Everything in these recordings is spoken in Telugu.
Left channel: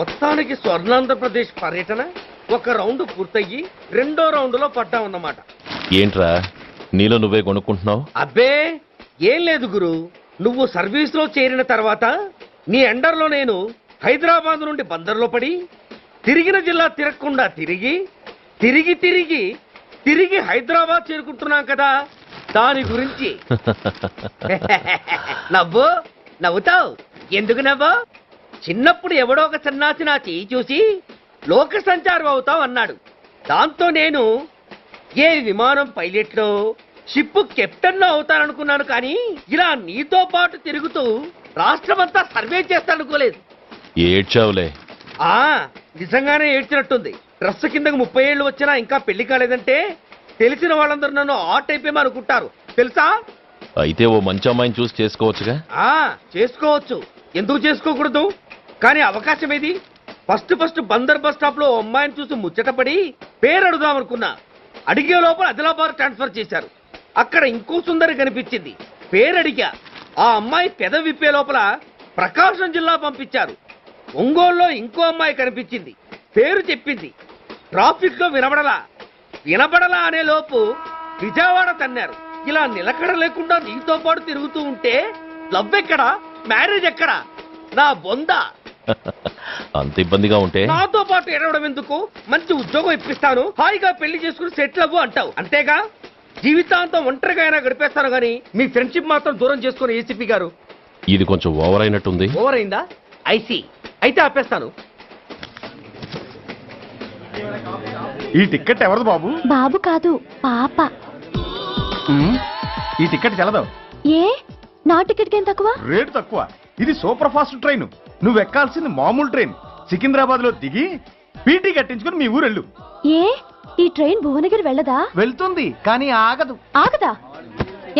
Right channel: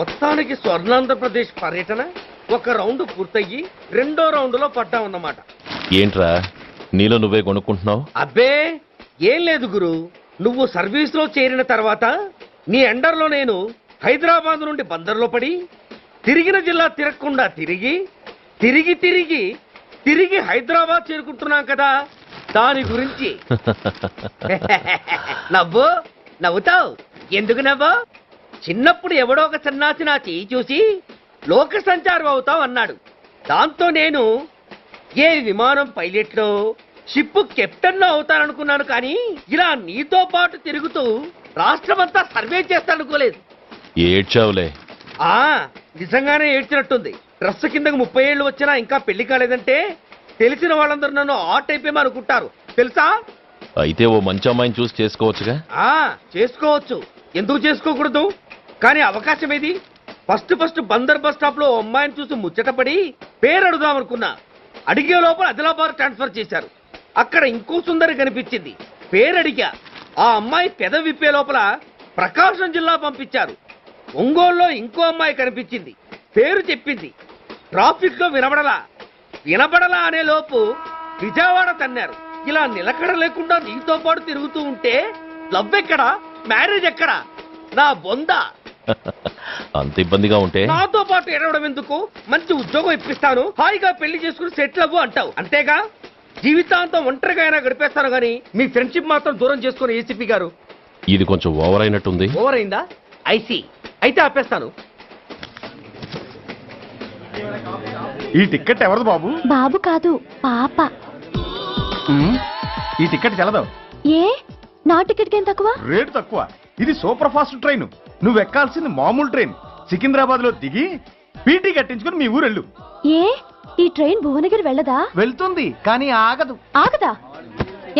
మొత్తానికి స్వర్ణాంధ్రప్రదేశ్ పర్యటన ఒక రౌండ్ పూర్తయ్యి రెండో రౌండ్ లో పడ్డామన్నమాట. ఏంట్రా నీలో నువ్వే కొనుక్కుంటున్నావు? అబ్బే ఏం లేదు గురు, నువ్వు సర్వీస్ లో చేరిన తర్వాత నీ అండర్లో నేను హైదరాబాద్ నుండి బందర్లో పడి తిరిగిన జిల్లా తిరగకుండా తిరిగి తిరిగి తిరిగి తిరిగి హైదరాబాద్ చేరుకుంటున్నాం కదా, దాని గురించి. నవ్వు నవ్వుతావు ఎందుకు నవ్వు? చిన్నప్పుడు ఎవడో ఒక సన్నాసి నా చేయి చూసి లోక సంచారం అవుతావు అన్నాడు. దాంతో నేను ఏ విమానం పైలట్లో షిప్ కెప్టెన్ లో అవుతాననుకున్నాను, కానీ ఇలా నీతో పాటు తిరుగుతూ రాష్ట్రమంతా సర్వే చేస్తాననుకోలేదు. ఏడ్చావులే. నిజంగానే ఏడ్చినట్టుంది. డ్రెస్ కిందకు 30 ఏళ్ళు వచ్చినా ఇంకా పెళ్లి కాలేదంటే తెలిసిన వాళ్ళందరూ నన్ను ఆట్ అయిపోయి అనుకుంటారు తెలుసా. అయితే ఓ మంచి అమ్మాయిని చూసి చేసుకోవచ్చుగా. చేసుకోవచ్చు, ఎందుకు చేసుకోకూడదు? కానీ అవకాశం ఏది? ఫస్ట్ బందర్ బస్ స్టాప్ లో అమ్మాయిని చూసి ముచ్చటపడి పేరు అడుగుదాం అనుకున్నా. అడిగే లోపల ఆదిలాబాద్ ట్రాన్స్ఫర్ చేశారు. అక్కడ ఇంకో సుందరి కనిపించింది, పేరు అడిగా. ఆ అమ్మాయి పెద విప్పే లోపల ప్రకాశం జిల్లా పంపించారు. ఒంగోలులో ఇంకో అమ్మాయి కనిపించింది, పేరు చెప్పింది. ట్రాఫిక్ లో వినబడలా అనే లోపు విజయవాడ తన్నారు. ఇలా నిలకడ లేకుండా నీతో పాటు తిరుగుతూ ఉంటే లవ్ ఎక్కడా, మ్యారేజ్ ఎక్కడా? నా బొంద. అంత ఇబ్బందిగా ఉంటే నాతో పాటు ఎడవడం ఎందుకు? మంచి ఉద్యోగం ఇప్పిస్తాను, హాయిగా పెళ్లి చేసుకుని సెటిల్ అవ్వు అంటావు అంతేగా. జీవితాంతం ఒంటరిగా అయినా గడిపేస్తాను గానీ మీ ఫ్రెండ్షిప్ మాత్రం దూరం చేసుకుని ఏసీపీ గారు. ఇది కొంచెం ఓవర్ అయినట్టుంది. ఓవర్ అయిందా? ఐసీ, అయితే ఆపేస్తాను. ఈ టికెట్ ఎవరిది బాబు? బాబు కాదు, పాప. ఈ టికెట్ చెల్లదు. ఏ నా టికెట్ ఏం తక్కువ? రేటు తక్కువ. ఇది సూపర్ ఫాస్ట్ ట్రైన్. నువ్వు ఎక్కాల్సింది మామూలు ట్రైన్. సికింద్రాబాద్ లో దిగి పీటీ కట్టించుకుని మీ ఊరెళ్ళు. ఏ ఈ ట్రైన్ భువనగిరి వెళ్ళదా? వెళ్తుంది కానీ ఆగదు. ఆగదా?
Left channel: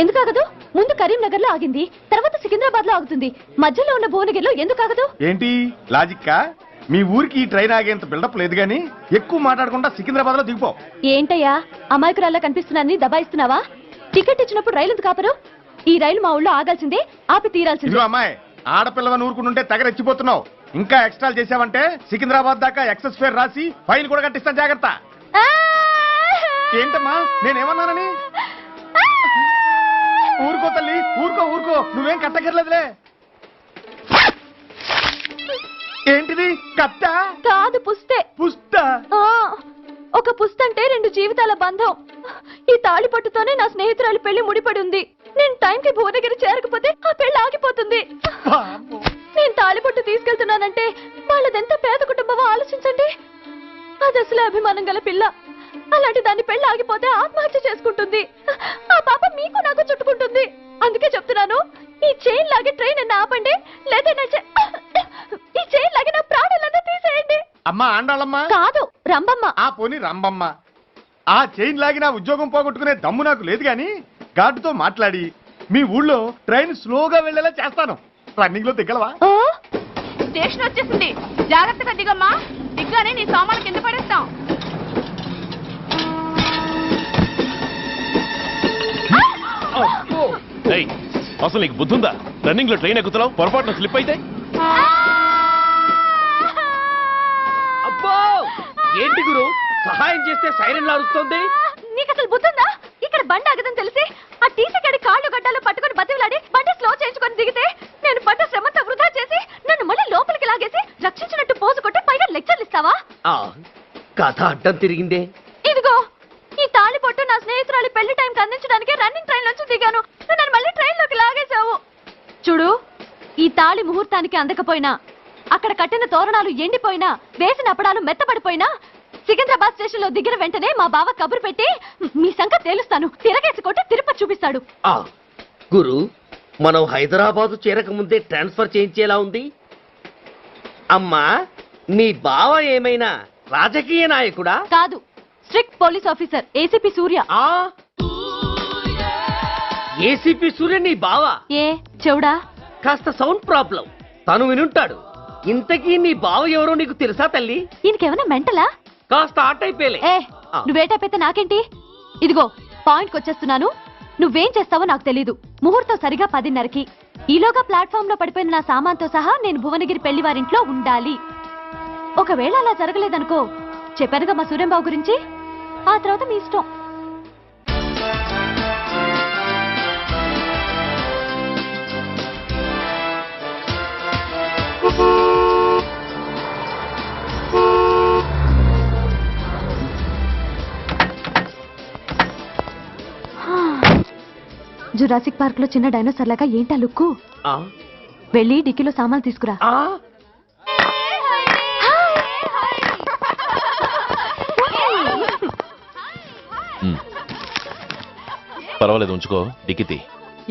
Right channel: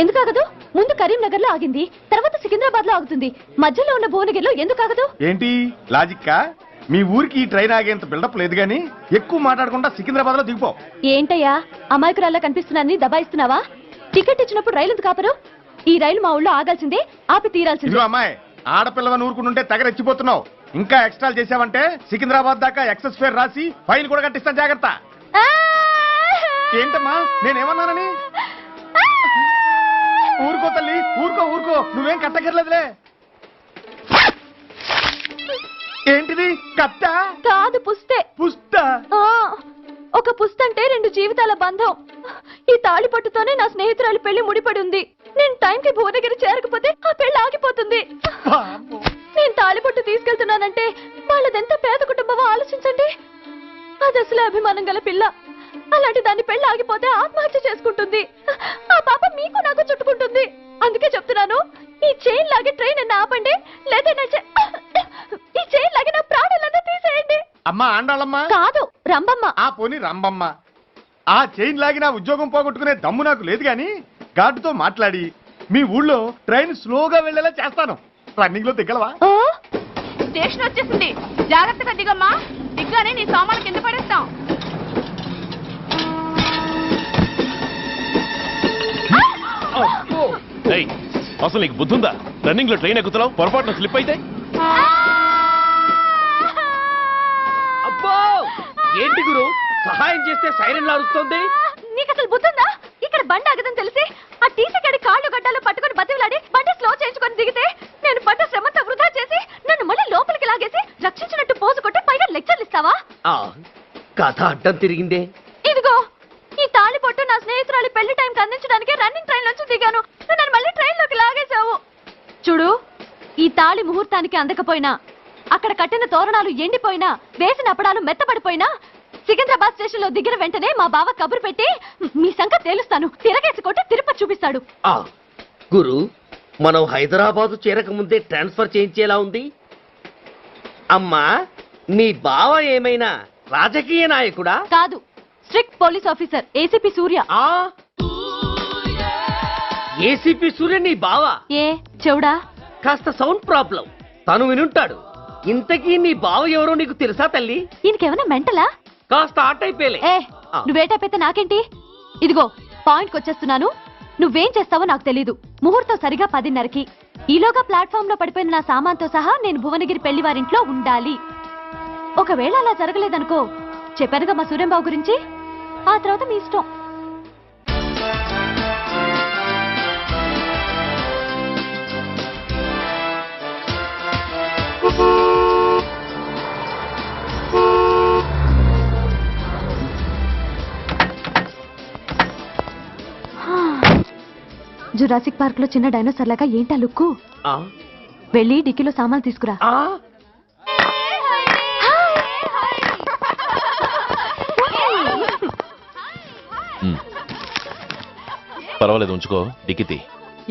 ఎందుకు ఆగదు? ముందు కరీంనగర్ లో ఆగింది, తర్వాత సికింద్రాబాద్ లో ఆగుతుంది. మధ్యలో ఉన్న భువనగిరిలో ఎందుకు ఆగదు? ఏంటి లాజిక్కా? మీ ఊరికి ఈ ట్రైన్ ఆగేంత బిల్డప్ లేదు గానీ ఎక్కువ మాట్లాడకుండా సికింద్రాబాద్ లో దిగిపో. ఏంటయ్యా అమాయకురాల్లా కనిపిస్తున్నాన్ని దబాయిస్తున్నావా? టికెట్ ఇచ్చినప్పుడు రైలు ఎందుకు ఆపరు? ఈ రైలు మా ఊళ్ళో ఆగాల్సిందే, ఆపి తీరాల్సిందే. అమ్మాయి, ఆడపిల్లవని ఊరుకుంటుంటే తెగరెచ్చిపోతున్నావు. ఇంకా ఎక్స్ట్రా చేసావంటే సికింద్రాబాద్ దాకా ఎక్సెస్ ఫేర్ రాసి ఫైన్ కూడా కట్టిస్తాను, జాగ్రత్త. ఏంటమ్మా నేనేమన్నానని? ఊరుకో తల్లి, ఊరుకో, నువ్వేం కట్టకర్లేదులే. ఏంటిది? కట్ట కాదు, పుస్తే. పుస్త? ఒక పుస్తంటే 2 జీవితాల బంధం. ఈ తాళి పట్టుతోనే నా స్నేహితురాలి పెళ్లి ముడిపడి ఉంది. నేను టైంకి భువనగిరి చేరకపోతే ఆ పెళ్లి ఆగిపోతుంది. నేను తాళిపట్టు తీసుకెళ్తున్నానంటే వాళ్ళదెంత పేద కుటుంబమో ఆలోచించండి. అది అసలు అభిమానం గల పిల్ల. అలాంటి దాన్ని పెళ్లి ఆగిపోతే ఆత్మహత్య చేసుకుంటుంది. ఆ పాప మీకు నాకు చుట్టుకుంటుంది. అందుకే చెప్తున్నాను, ఈ చైన్ లాగే ట్రైన్ అన్న ఆపండి, లేదా ఈ చైన్ లాగే నా ప్రాణాలన్నా తీసేయండి. అమ్మా ఆండాళ్ళమ్మా కాదు, రంబమ్మ. ఆ పోని రంబమ్మ. ఆ చైన్ లాగి నా ఉద్యోగం పోగొట్టుకునే దమ్ము నాకు లేదు గాని గార్డుతో మాట్లాడి మీ ఊళ్ళో ట్రైన్ స్లోగా వెళ్లేలా చేస్తాను. రన్నింగ్ లో దిగలవా? స్టేషన్ వచ్చేసింది, జాగ్రత్తగా దిగమ్మా. దిగ్గానే నీ సామాను కింద పడేస్తాం. అసలు నీకు బుద్ధుందా? రన్నింగ్ లో ట్రైన్ ఎక్కుతున్నావు, పొరపాటున స్లిప్ అయితే? అబ్బో ఏంటి గురు, సహాయం చేస్తే సైరన్ అరుస్తోంది. నీకు అసలు బుద్ధుందా? ఇక్కడ బండి ఆగదని తెలిసి ఆ టీసీ గడి కాళ్ళు గడ్డాలు పట్టుకుని బతిలాడి బండి స్లో చేయించుకొని దిగితే నేను పడ్డ శ్రమంతా వృధా చేసి నన్ను మళ్ళీ లోపలికి లాగేసి రక్షించినట్టు పోజు కొట్టి పైగా లెక్చర్లు ఇస్తావా? కథ అడ్డం తిరిగిందే. ఇదిగో ఈ తాళి పొట్టు నా స్నేహితురాలి పెళ్లి టైంకి అందించడానికి రన్నింగ్ ట్రైన్ నుంచి దిగాను. నన్ను మళ్ళీ ట్రైన్ లోకి లాగేశావు. చూడు, ఈ తాళి ముహూర్తానికి అందకపోయినా, అక్కడ కట్టిన తోరణాలు ఎండిపోయినా, వేసిన అప్పడాలు మెత్తబడిపోయినా, సికింద్రాబాద్ స్టేషన్ లో దిగిన వెంటనే మా బావ కబురు పెట్టి మీ సంగతి తేలుస్తాను, తిరగేసి కొట్టి తిరుపతి చూపిస్తాడు. గురు, మనం హైదరాబాదు చేరక ముందే ట్రాన్స్ఫర్ చేయించేలా ఉంది. అమ్మా, నీ బావ ఏమైనా రాజకీయ నాయకుడా? కాదు, స్ట్రిక్ట్ పోలీస్ ఆఫీసర్, ఏసీపీ సూర్య. ఏసీపీ సూర్య నీ బావా? ఏ చెవుడా? కాస్త సౌండ్ ప్రాబ్లం, తను వినుంటాడు. ఇంతకీ నీ బావ ఎవరో నీకు తెలుసా తల్లి? ఈయనకేమైనా మెంటలా? కాస్త ఆటైపోయలే. నువ్వేటైపోతే నాకేంటి? ఇదిగో పాయింట్కి వచ్చేస్తున్నాను. నువ్వేం చేస్తావో నాకు తెలీదు. ముహూర్తం సరిగా 10:30కి. ఈలోగా ప్లాట్ఫామ్ లో పడిపోయిన నా సామాన్తో సహా నేను భువనగిరి పెళ్లివారింట్లో ఉండాలి. ఒకవేళ అలా జరగలేదనుకో, చెప్పానుగా మా సూర్యంబాబు గురించి, ఆ తర్వాత మీ ఇష్టం. జురాసిక్ పార్క్ లో చిన్న డైనోసార్ లాగా ఏంటా లుక్కు? ఆ, వెళ్ళి డిక్కీలో సామాన్లు తీసుకురా. ఆ, పర్వాలేదు, ఉంచుకో. డిక్కితి.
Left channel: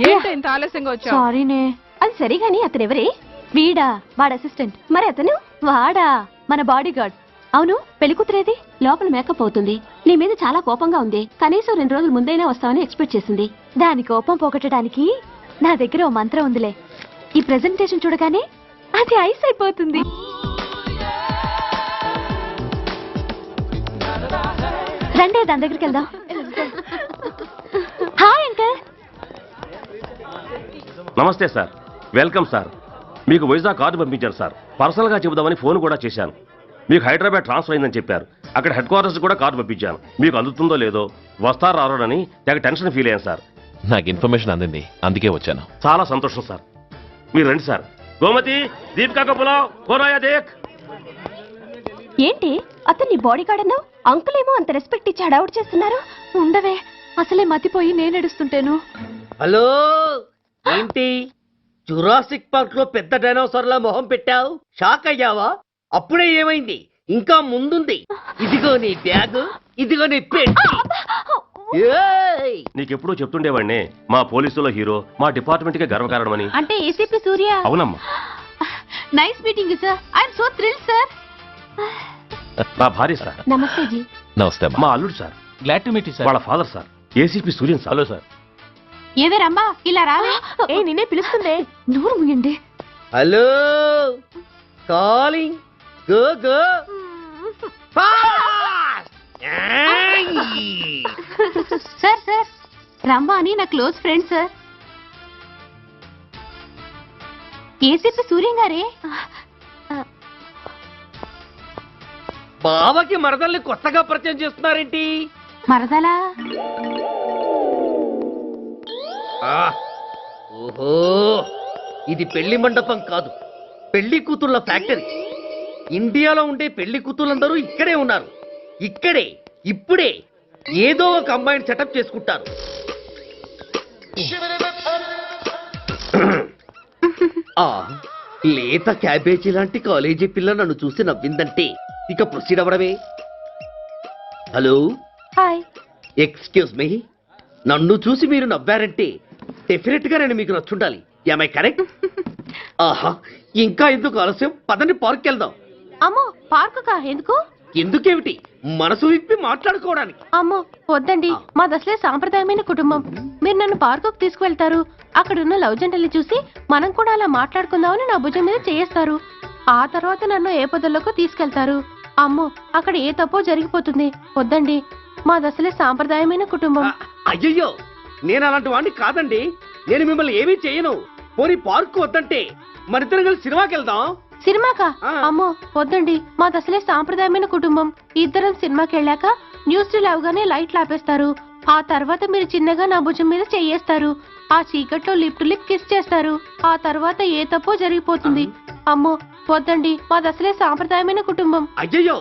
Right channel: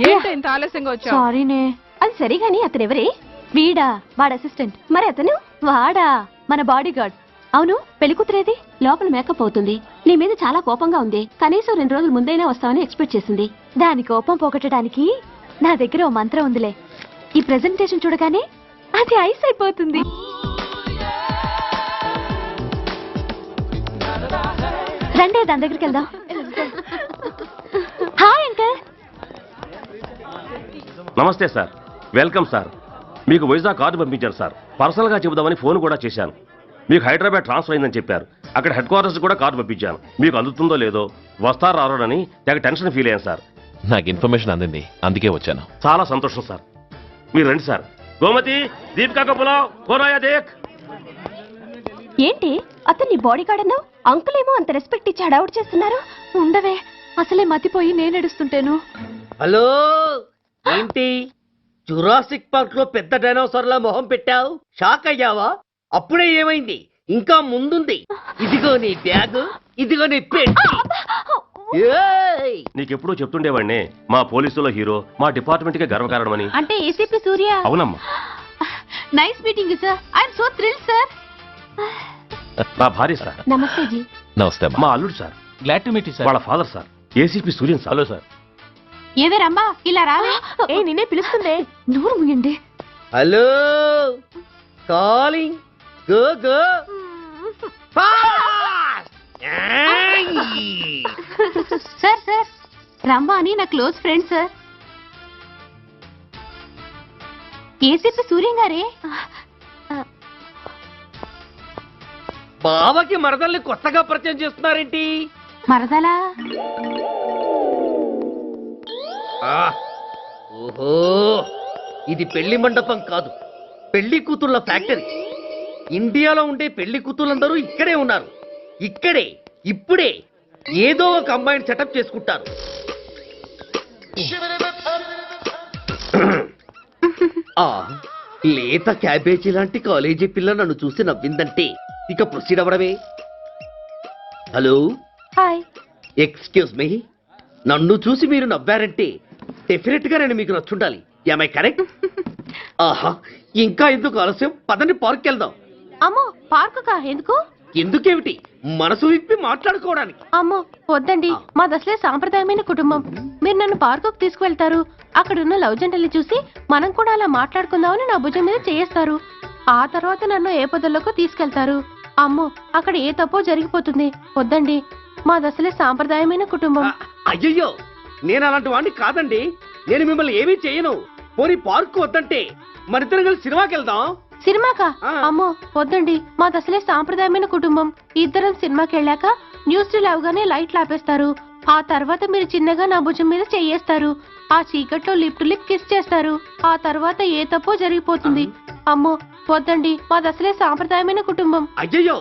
ఏంటి ఇంత ఆలస్యంగా వచ్చావు? సారీనే. అది సరిగాని అతనెవరే? వీడా, వాడ అసిస్టెంట్. మరి అతను? వాడా, మన బాడీ గార్డ్. అవును, పెళ్లి కూతురేది? లోపల మేకప్ అవుతుంది. నీ మీద చాలా కోపంగా ఉంది. కనీసం 2 రోజుల ముందైనా వస్తావని ఎక్స్పెక్ట్ చేసింది. దాని కోపం పోగొట్టడానికి నా దగ్గర ఓ మంత్రం ఉందిలే. ఈ ప్రెజెంటేషన్ చూడగానే అది ఐస్ అయిపోతుంది. రండి, దాని దగ్గరికి వెళ్దాం. Hi uncle. నమస్తే సార్, వెల్కమ్ సార్. మీకు వైజాగ్ కార్డు పంపించాను సార్. పర్సనల్గా చెబుదామని ఫోన్ కూడా చేశాను. మీకు హైదరాబాద్ ట్రాన్స్ఫర్ అయిందని చెప్పారు. అక్కడ హెడ్ క్వార్టర్స్ కూడా కార్డు పంపించాను. మీకు అందుతుందో లేదో, వస్తారో రారోనని తెగ టెన్షన్ ఫీల్ అయ్యాను సార్. నాకు ఇన్ఫర్మేషన్ అందింది, అందుకే వచ్చాను. చాలా సంతోషం సార్. మీరు రండి సార్. గోమతి, దీపికా కపులావ్, కోరాయా దేక్. ఏంటి అతన్ని బాడీ గార్డ్ అన్నావు? అంకుల్ ఏమో అంత రెస్పెక్ట్ ఇచ్చి హడావుడు చేస్తున్నారు. ఉండవే, అసలే మతిపోయి నేను ఏడుస్తుంటాను. హలో, ఏంటి జురాసిక్ పార్క్ లో పెద్ద డైనోసార్లా మొహం పెట్టావు? షాక్ అయ్యావా? అప్పుడే ఏమైంది? ఇంకా ముందుంది. ఇదిగో నీ బ్యాగ్, ఇదిగో నీ పెట్టి. ఏయ్! నీకెప్పుడూ చెప్తుండేవాడిని, మా పోలీసులో హీరో, మా డిపార్ట్మెంట్కే గర్వకారణమని. అంటే ఏసీపీ సూర్య. అవునమ్మా. Nice meeting sir. I'm so thrill sir. నా భార్య సార్. నమస్తే జీ. నమస్తే అమ్మా. మా అల్లుడు sir. Glad to meet you వాళ్ళ father sir, ACP Suryan sir. Hello sir. ఏవేరమ్మా ఇలా రావే? ఏ నిన్నే పిలుస్తుందే. నోరు ముయండి. Hello, calling. Go go fast. ఏయ్! సార్ సార్, రంభా అని నా close friend sir. ACP Suryam గారే. బావకి మరదల్ని కొత్తగా పరిచయం చేస్తున్నారేంటి? మరదలా? ఆ, ఓహో, ఇది పెళ్లి మండపం కాదు, పెళ్లి కూతుళ్ళ ఫ్యాక్టరీ. ఇండియాలో ఉండే పెళ్లి కూతుళ్ళందరూ ఇక్కడే ఉన్నారు. ఇక్కడే ఇప్పుడే ఏదో ఒక అమ్మాయిని సెటప్ చేసుకుంటారు. ఆ, లేత క్యాబేజీ లాంటి కాలేజీ పిల్ల నన్ను చూసి నవ్విందంటే ఇక ప్రొసీడ్ అవ్వడమే. Hello, hi. ఎక్స్క్యూజ్ మీ, నన్ను చూసి మీరు నవ్వారంటే డెఫినెట్ గా నేను మీకు నచ్చుండాలి. Am I correct? ఆహా, ఇంకా ఎందుకు ఆలస్యం? పదండి, పార్క్ వెళ్దాం. అమ్మో, పార్కు కా? ఎందుకు? ఎందుకేమిటి, మనసు విప్పి మాట్లాడుకోవడానికి. అమ్మో వద్దండి, మాది అసలే సాంప్రదాయమైన కుటుంబం. మీరు నన్ను పార్కుకు తీసుకువెళ్తారు, అక్కడున్న లవ్ జంటల్ని చూసి మనం కూడా అలా మాట్లాడుకుందామని నా భుజం మీద చేస్తారు. ఆ తర్వాత నన్ను ఏ పొదల్లోకి తీసుకెళ్తారు. అమ్మో, అక్కడ ఏ తప్పో జరిగిపోతుంది. వద్దండి, మాది అసలే సాంప్రదాయమైన కుటుంబం. అయ్యయ్యో, నేను అలాంటి వాడిని కాదండి. నేను మిమ్మల్ని ఏమీ చేయను. పోనీ పార్క్ వద్దంటే మరిద్దరం కలిసి సినిమాకి వెళ్దాం. సినిమాకా? ఆ. అమ్మో వద్దండి, మాది అసలే సాంప్రదాయమైన కుటుంబం. ఇద్దరం సినిమాకి వెళ్ళాక న్యూస్ అవగానే లైట్లు ఆపేస్తారు. ఆ తర్వాత మీరు చిన్నగా నా భుజం మీద చెయ్యేస్తారు. ఆ చీకట్లో లిప్ టు లిప్ కిస్ చేస్తారు. ఆ తర్వాత ఏ తప్పో జరిగిపోతుంది. అమ్మో వద్దండి, మాది అసలే సాంప్రదాయమైన కుటుంబం. అయ్యయ్యో,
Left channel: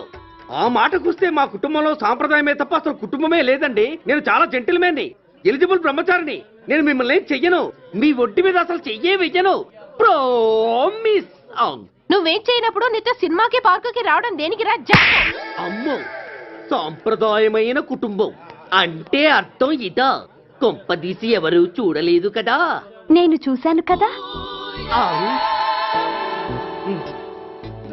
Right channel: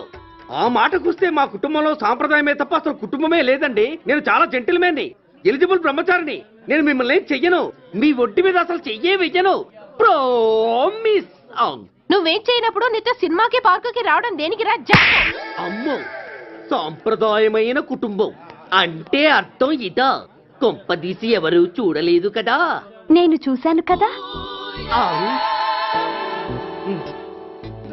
ఆ మాటకొస్తే మా కుటుంబంలో సాంప్రదాయమే తప్ప అసలు కుటుంబమే లేదండి. నేను చాలా జెంటిల్మెన్ని, ఎలిజిబుల్ బ్రహ్మచారిని. నేను మిమ్మల్ని ఏం చెయ్యను. మీ ఒంటి మీద అసలు చెయ్యే వెయ్యను. ప్రామిస్. అవును. నువ్వేం చేయనప్పుడు నీతో సినిమాకి పార్కుకి రావడం దేనికి రా? అమ్మో, సాంప్రదాయమైన కుటుంబం అంటే అర్థం ఇదా? కొంపదీసి ఎవరు చూడలేదు కదా? నేను చూశాను కదా.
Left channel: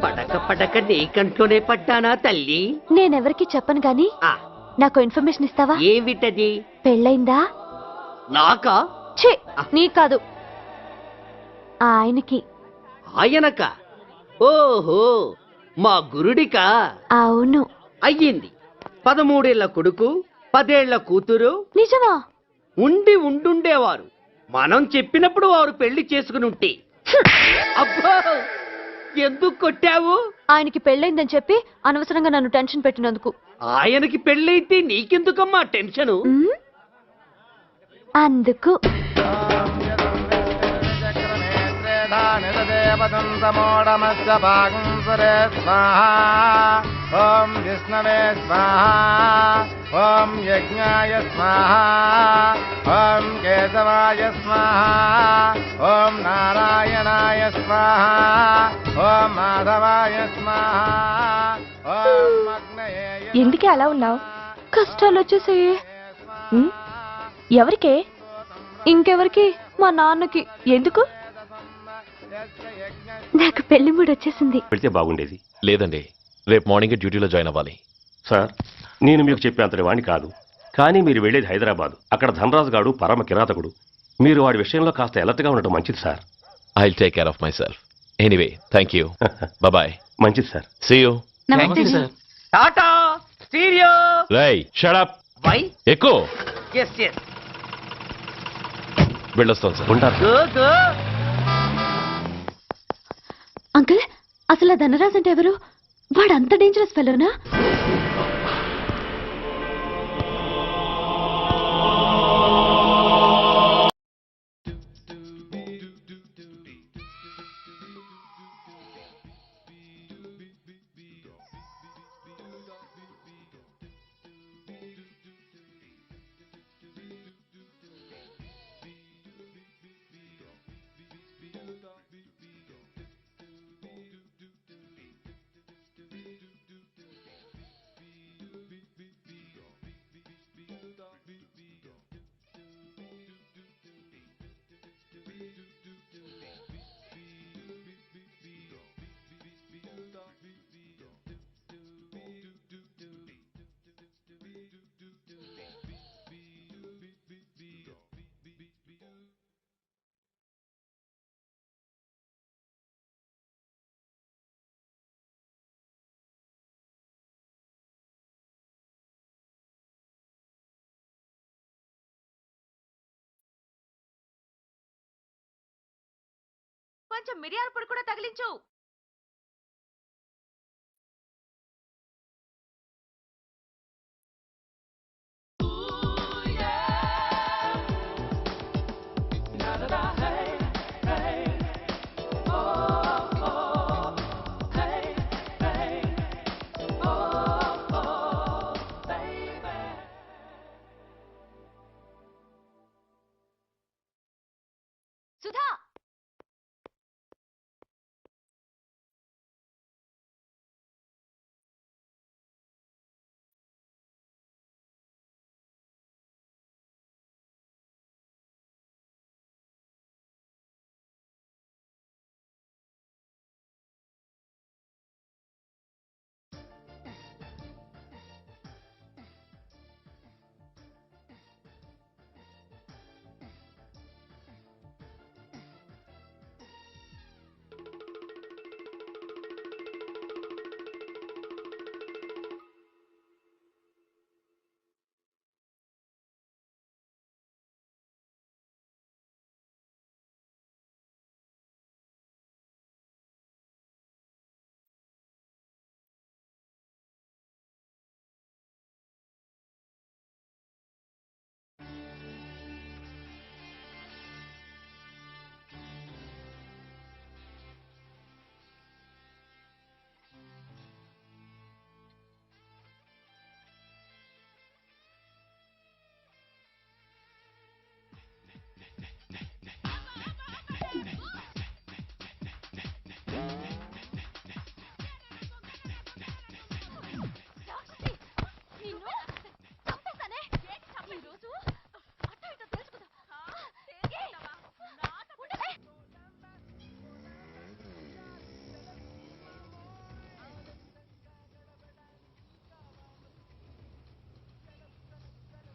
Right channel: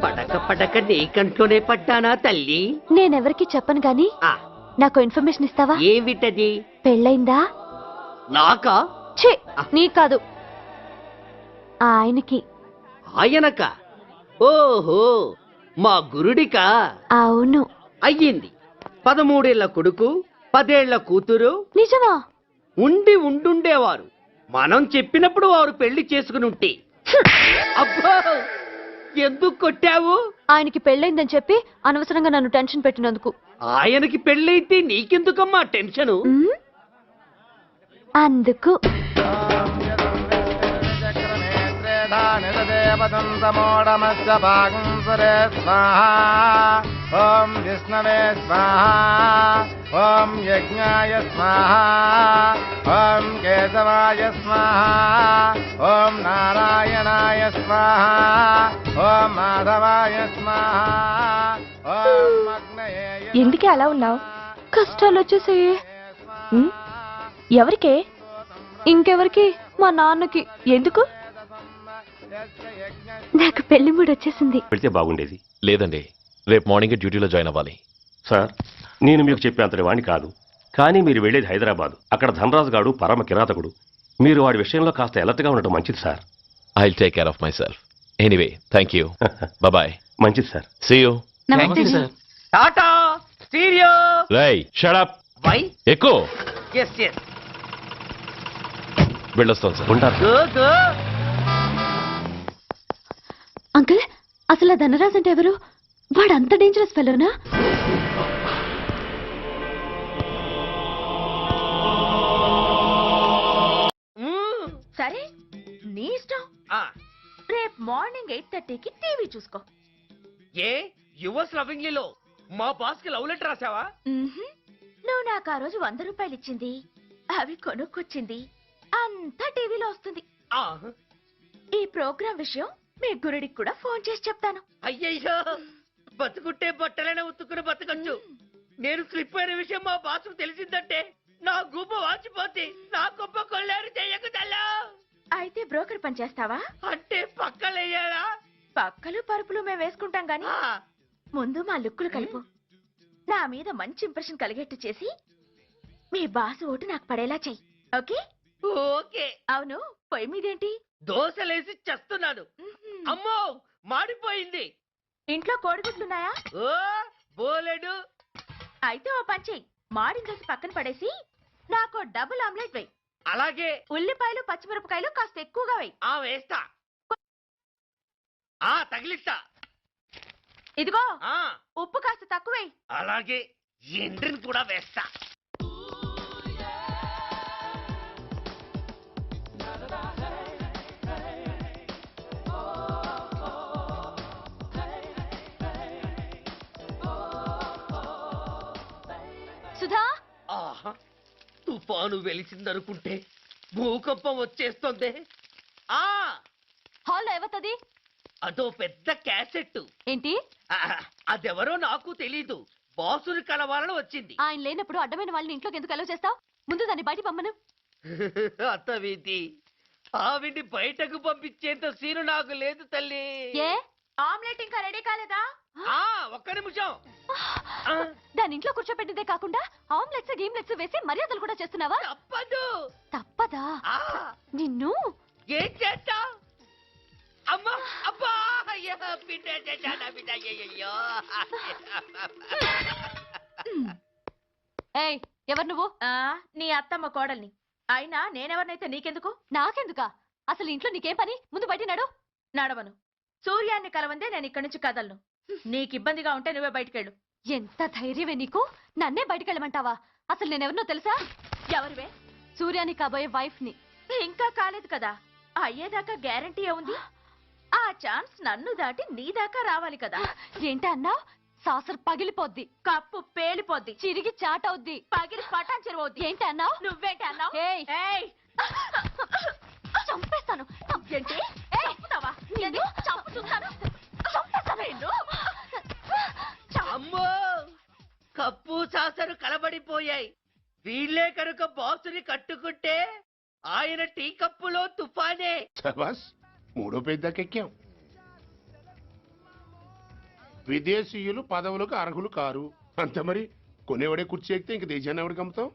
పడక పడక నీ కంట్లోనే పడ్డానా తల్లి? నేనెవరికి చెప్పను గాని ఆ, నాకు ఇన్ఫర్మేషన్ ఇస్తావా? ఏమిటది? పెళ్ళైందా? నాకా? ఛీ, నీ కాదు, ఆయనకి. ఆయనక? ఓహో, మా గురుడికా? అవును. అయ్యింది. 13 ఏళ్ల కొడుకు, 10 ఏళ్ల కూతురు నిజమా? ఉండుండేవారు. మనం చెప్పినప్పుడు వారు పెళ్లి చేసుకుని ఉంటే. అబ్బో, ఎందుకు కొట్టావు? ఆయనకి పెళ్ళైందని చెప్పి అనవసరంగా నన్ను టెన్షన్ పెట్టినందుకు. ఆయనకి పెళ్ళైతే నీకెందుకమ్మా టెన్షను? ఉమ్, అందుకు. ఓం విష్ణవే స్వాహ, ఓం యజ్ఞాయ స్వాహ, ఓం కేశవాయ స్వాహ, ఓం నారాయణాయ స్వాహ, ఓం మాధవాయ స్వాహ, ఓం అగ్నయే. ఎందుకే అలా ఉన్నావు? కష్టాలు వచ్చేసాయి. ఎవరికే? ఇంకెవరికి? మా నాన్నకి. ఎందుకు? నాకు పెళ్లి మూడు వచ్చేసింది. పెడితే బాగుండేది. లేదండి, రేపు మార్నింగ్ డ్యూటీలో జాయిన్ అవ్వాలి. సార్, నేను మీకు చెప్పేంతటి వాణ్ణి కాదు, కానీ మీరు వెళ్ళేది హైదరాబాద్. అక్కడ ధనరాజు గాడు పరమ కిరాతకుడు. మీరు వాడి విషయంలో కాస్త అలర్ట్గా ఉండటం మంచిది sir. I will take care of myself. Anyway, thank you. Bye. మంచిది సార్. See you. నమస్తే సార్. Tata stereo. రేయ్, షట్ అప్. వై? ఎక్కువ ఎస్ ఎస్. వెళ్ళొస్తాను సార్. ఉంటారు. Go go. అంకుల్, అసలు ఆ ధనరాజ్ అంటే ఎవరు? వాడు అంత డేంజరస్ ఫెలోనా? సరే నీ ఇష్టం. రేపు మార్నింగ్ 8:30కి టీవీ చూసుకో. ఏ యువర్స్ లవింగ్లీలో మా బాస్ కి లవ్ లెటర్ రాసావా? నువ్వు నాకు ఆ రోజు 100 రూపాయలు ఇచ్చింది, అవి కొనుక్కొచ్చింది అంతా టీవీలో వస్తుంది. ఆ, ఈ ప్రోగ్రాం విషయం మీ గురుడికి కూడా ఫోన్ చేసి చెప్తాను. అయ్యయ్యో, బతుకుంటే బట్టలైనా ఉత్తుకుని బతకచ్చు. నేను స్లిప్ అయిన విషయం మా బాస్ తెలిసిందంటే నా గుబ్బ వాచిపోతే నా గొప్ప కొల్లారు చెయ్యకు తల్లా. అయితే బ్రోకర్ పని చేస్తావా? అంటే పక్కలయ్యారా? పక్కలు పరుపులు మేము వేసుకుంటాం గాని ముందు మా లుక్కులు కలుపు. నా మీద మంచి ఇంప్రెషన్ కలిగేట్టు చేసి మీ బాస్ ఓటు నాకు పడేలా చెయ్యి. ఓకే? ఓకే. అవును, పొయ్యి మీదేంటి? దోశలేసి చేస్తున్నాను. అమ్మో, మాడిపోయింది. ఇంట్లో కోడిగుడ్లున్నాయా? ఓ బోలెడు. అయితే ఓ పని చెయ్యి, మాడిన దోశ పక్కన పడేసి నాకు డబుల్ ఆమ్లెట్ వెయ్యి. అలాగే. ఉల్లిపాయలు పచ్చిమిరపకాయలు కాస్త ఎక్కువగా వెయ్యి. వేస్తా. కొంచెం మిరియాల పొడి కూడా తగిలించు. తగిలిస్తా. ఇదిగో ఆ ఉప్పు కాస్త తక్కువ వెయ్యి. అలాగే. ఎండ్రిని కూడా వేస్తా. సుధా, ఆహా, తుఫాను వెలిసిందనుకుంటే భూకంపం వచ్చేస్తుంది. సుధా, ఆ హాల్లో ఎవతది? అదో పెద్ద క్యాసెట్. ఏంటి? అదెవరో నాకు తెలీదు. బాసుని కలవాలని వచ్చింది. ఆయన లేనప్పుడు అడ్డమైన వాళ్ళని ఇంట్లోకి ఎందుకు అలౌ చేస్తావు? ముందు దాన్ని బయట పంపను. అత్తవిధి, ఆవిడ్ని బయటకు పంపించేంత సీను నాకు లేదు తల్లి. ఏ? ఆమ్లెట్ ఇంకా రెడీ కాలేదా? ఒక్క నిమిషం. దాని ఇంట్లో కూర్చోపెట్టిందే కాకుండా ఆమ్లెట్స్ గేమ్లెట్స్ వేసి మర్యాదలు కూడా చేస్తున్నావా? తప్పదు. తప్పదా? నిన్ను ఏం చేస్తా? అమ్మా, అబ్బా, అయ్యో, బిడ్డ చేశానా, బిడ్డ, అయ్యయ్యో. ఏయ్, ఎవరు నువ్వు? నీ అత్తమ్మ కోడల్ని. అయినా నేనెవరినైతే నీకెందుకు? నాకెందుకా? అసలు ఇంట్లో నీకేం పని? ముందు బయట నడు. నడవను. సూర్యాన్ని కలవందే నేను ఇక్కడి నుంచి కదలను. నీకు ఇబ్బందిగా ఉంటే నువ్వే బయటకెళ్ళు. ఎంత ధైర్యమే నీకు? నన్నే బయటకెళ్ళమంటావా? అసలు నేనెవరినో తెలుసా? ఎవరివే? సూర్యాని కాబోయే వైఫ్ ని. ఇంకా కాలేదు కదా, అయ్యేదాకా గ్యారంటీ ఏముంది? ఆ ఛాన్స్ నన్ను దాటి నీ దాకా రావాలి కదా. ఏంటి అన్నావ్? సాసర్ పగిలిపోద్ది, కప్పు పేలిపోద్ది, చిరిగి చాటవుద్ది, పగిలి పటాన్ చెరువవుద్ది. ఏంటి అన్నావ్? నువ్వేంటి అన్నావు? ఏయ్, ఏయ్, చంపేస్తాను. ఏంటి? చంపుతావా? ఏంటి? చంపుతాను. చంపేస్తావా నిన్ను? అమ్మో, కప్పు సాసరు కలబడిపోయాయి. వీళ్ళే కనుక బాసుని కట్టుకుంటే ఆయన టీ కప్పులో తుఫానే. శబాస్, మూడో పేజ్ దాకా ఎక్కాం. విదేశీయులు పదవులకు అర్హులు కారు అంతే మరి. కొనేవాడే కుర్చీ ఎక్కితే ఇంక దేశాన్ని ఎవరికి అమ్ముతాం?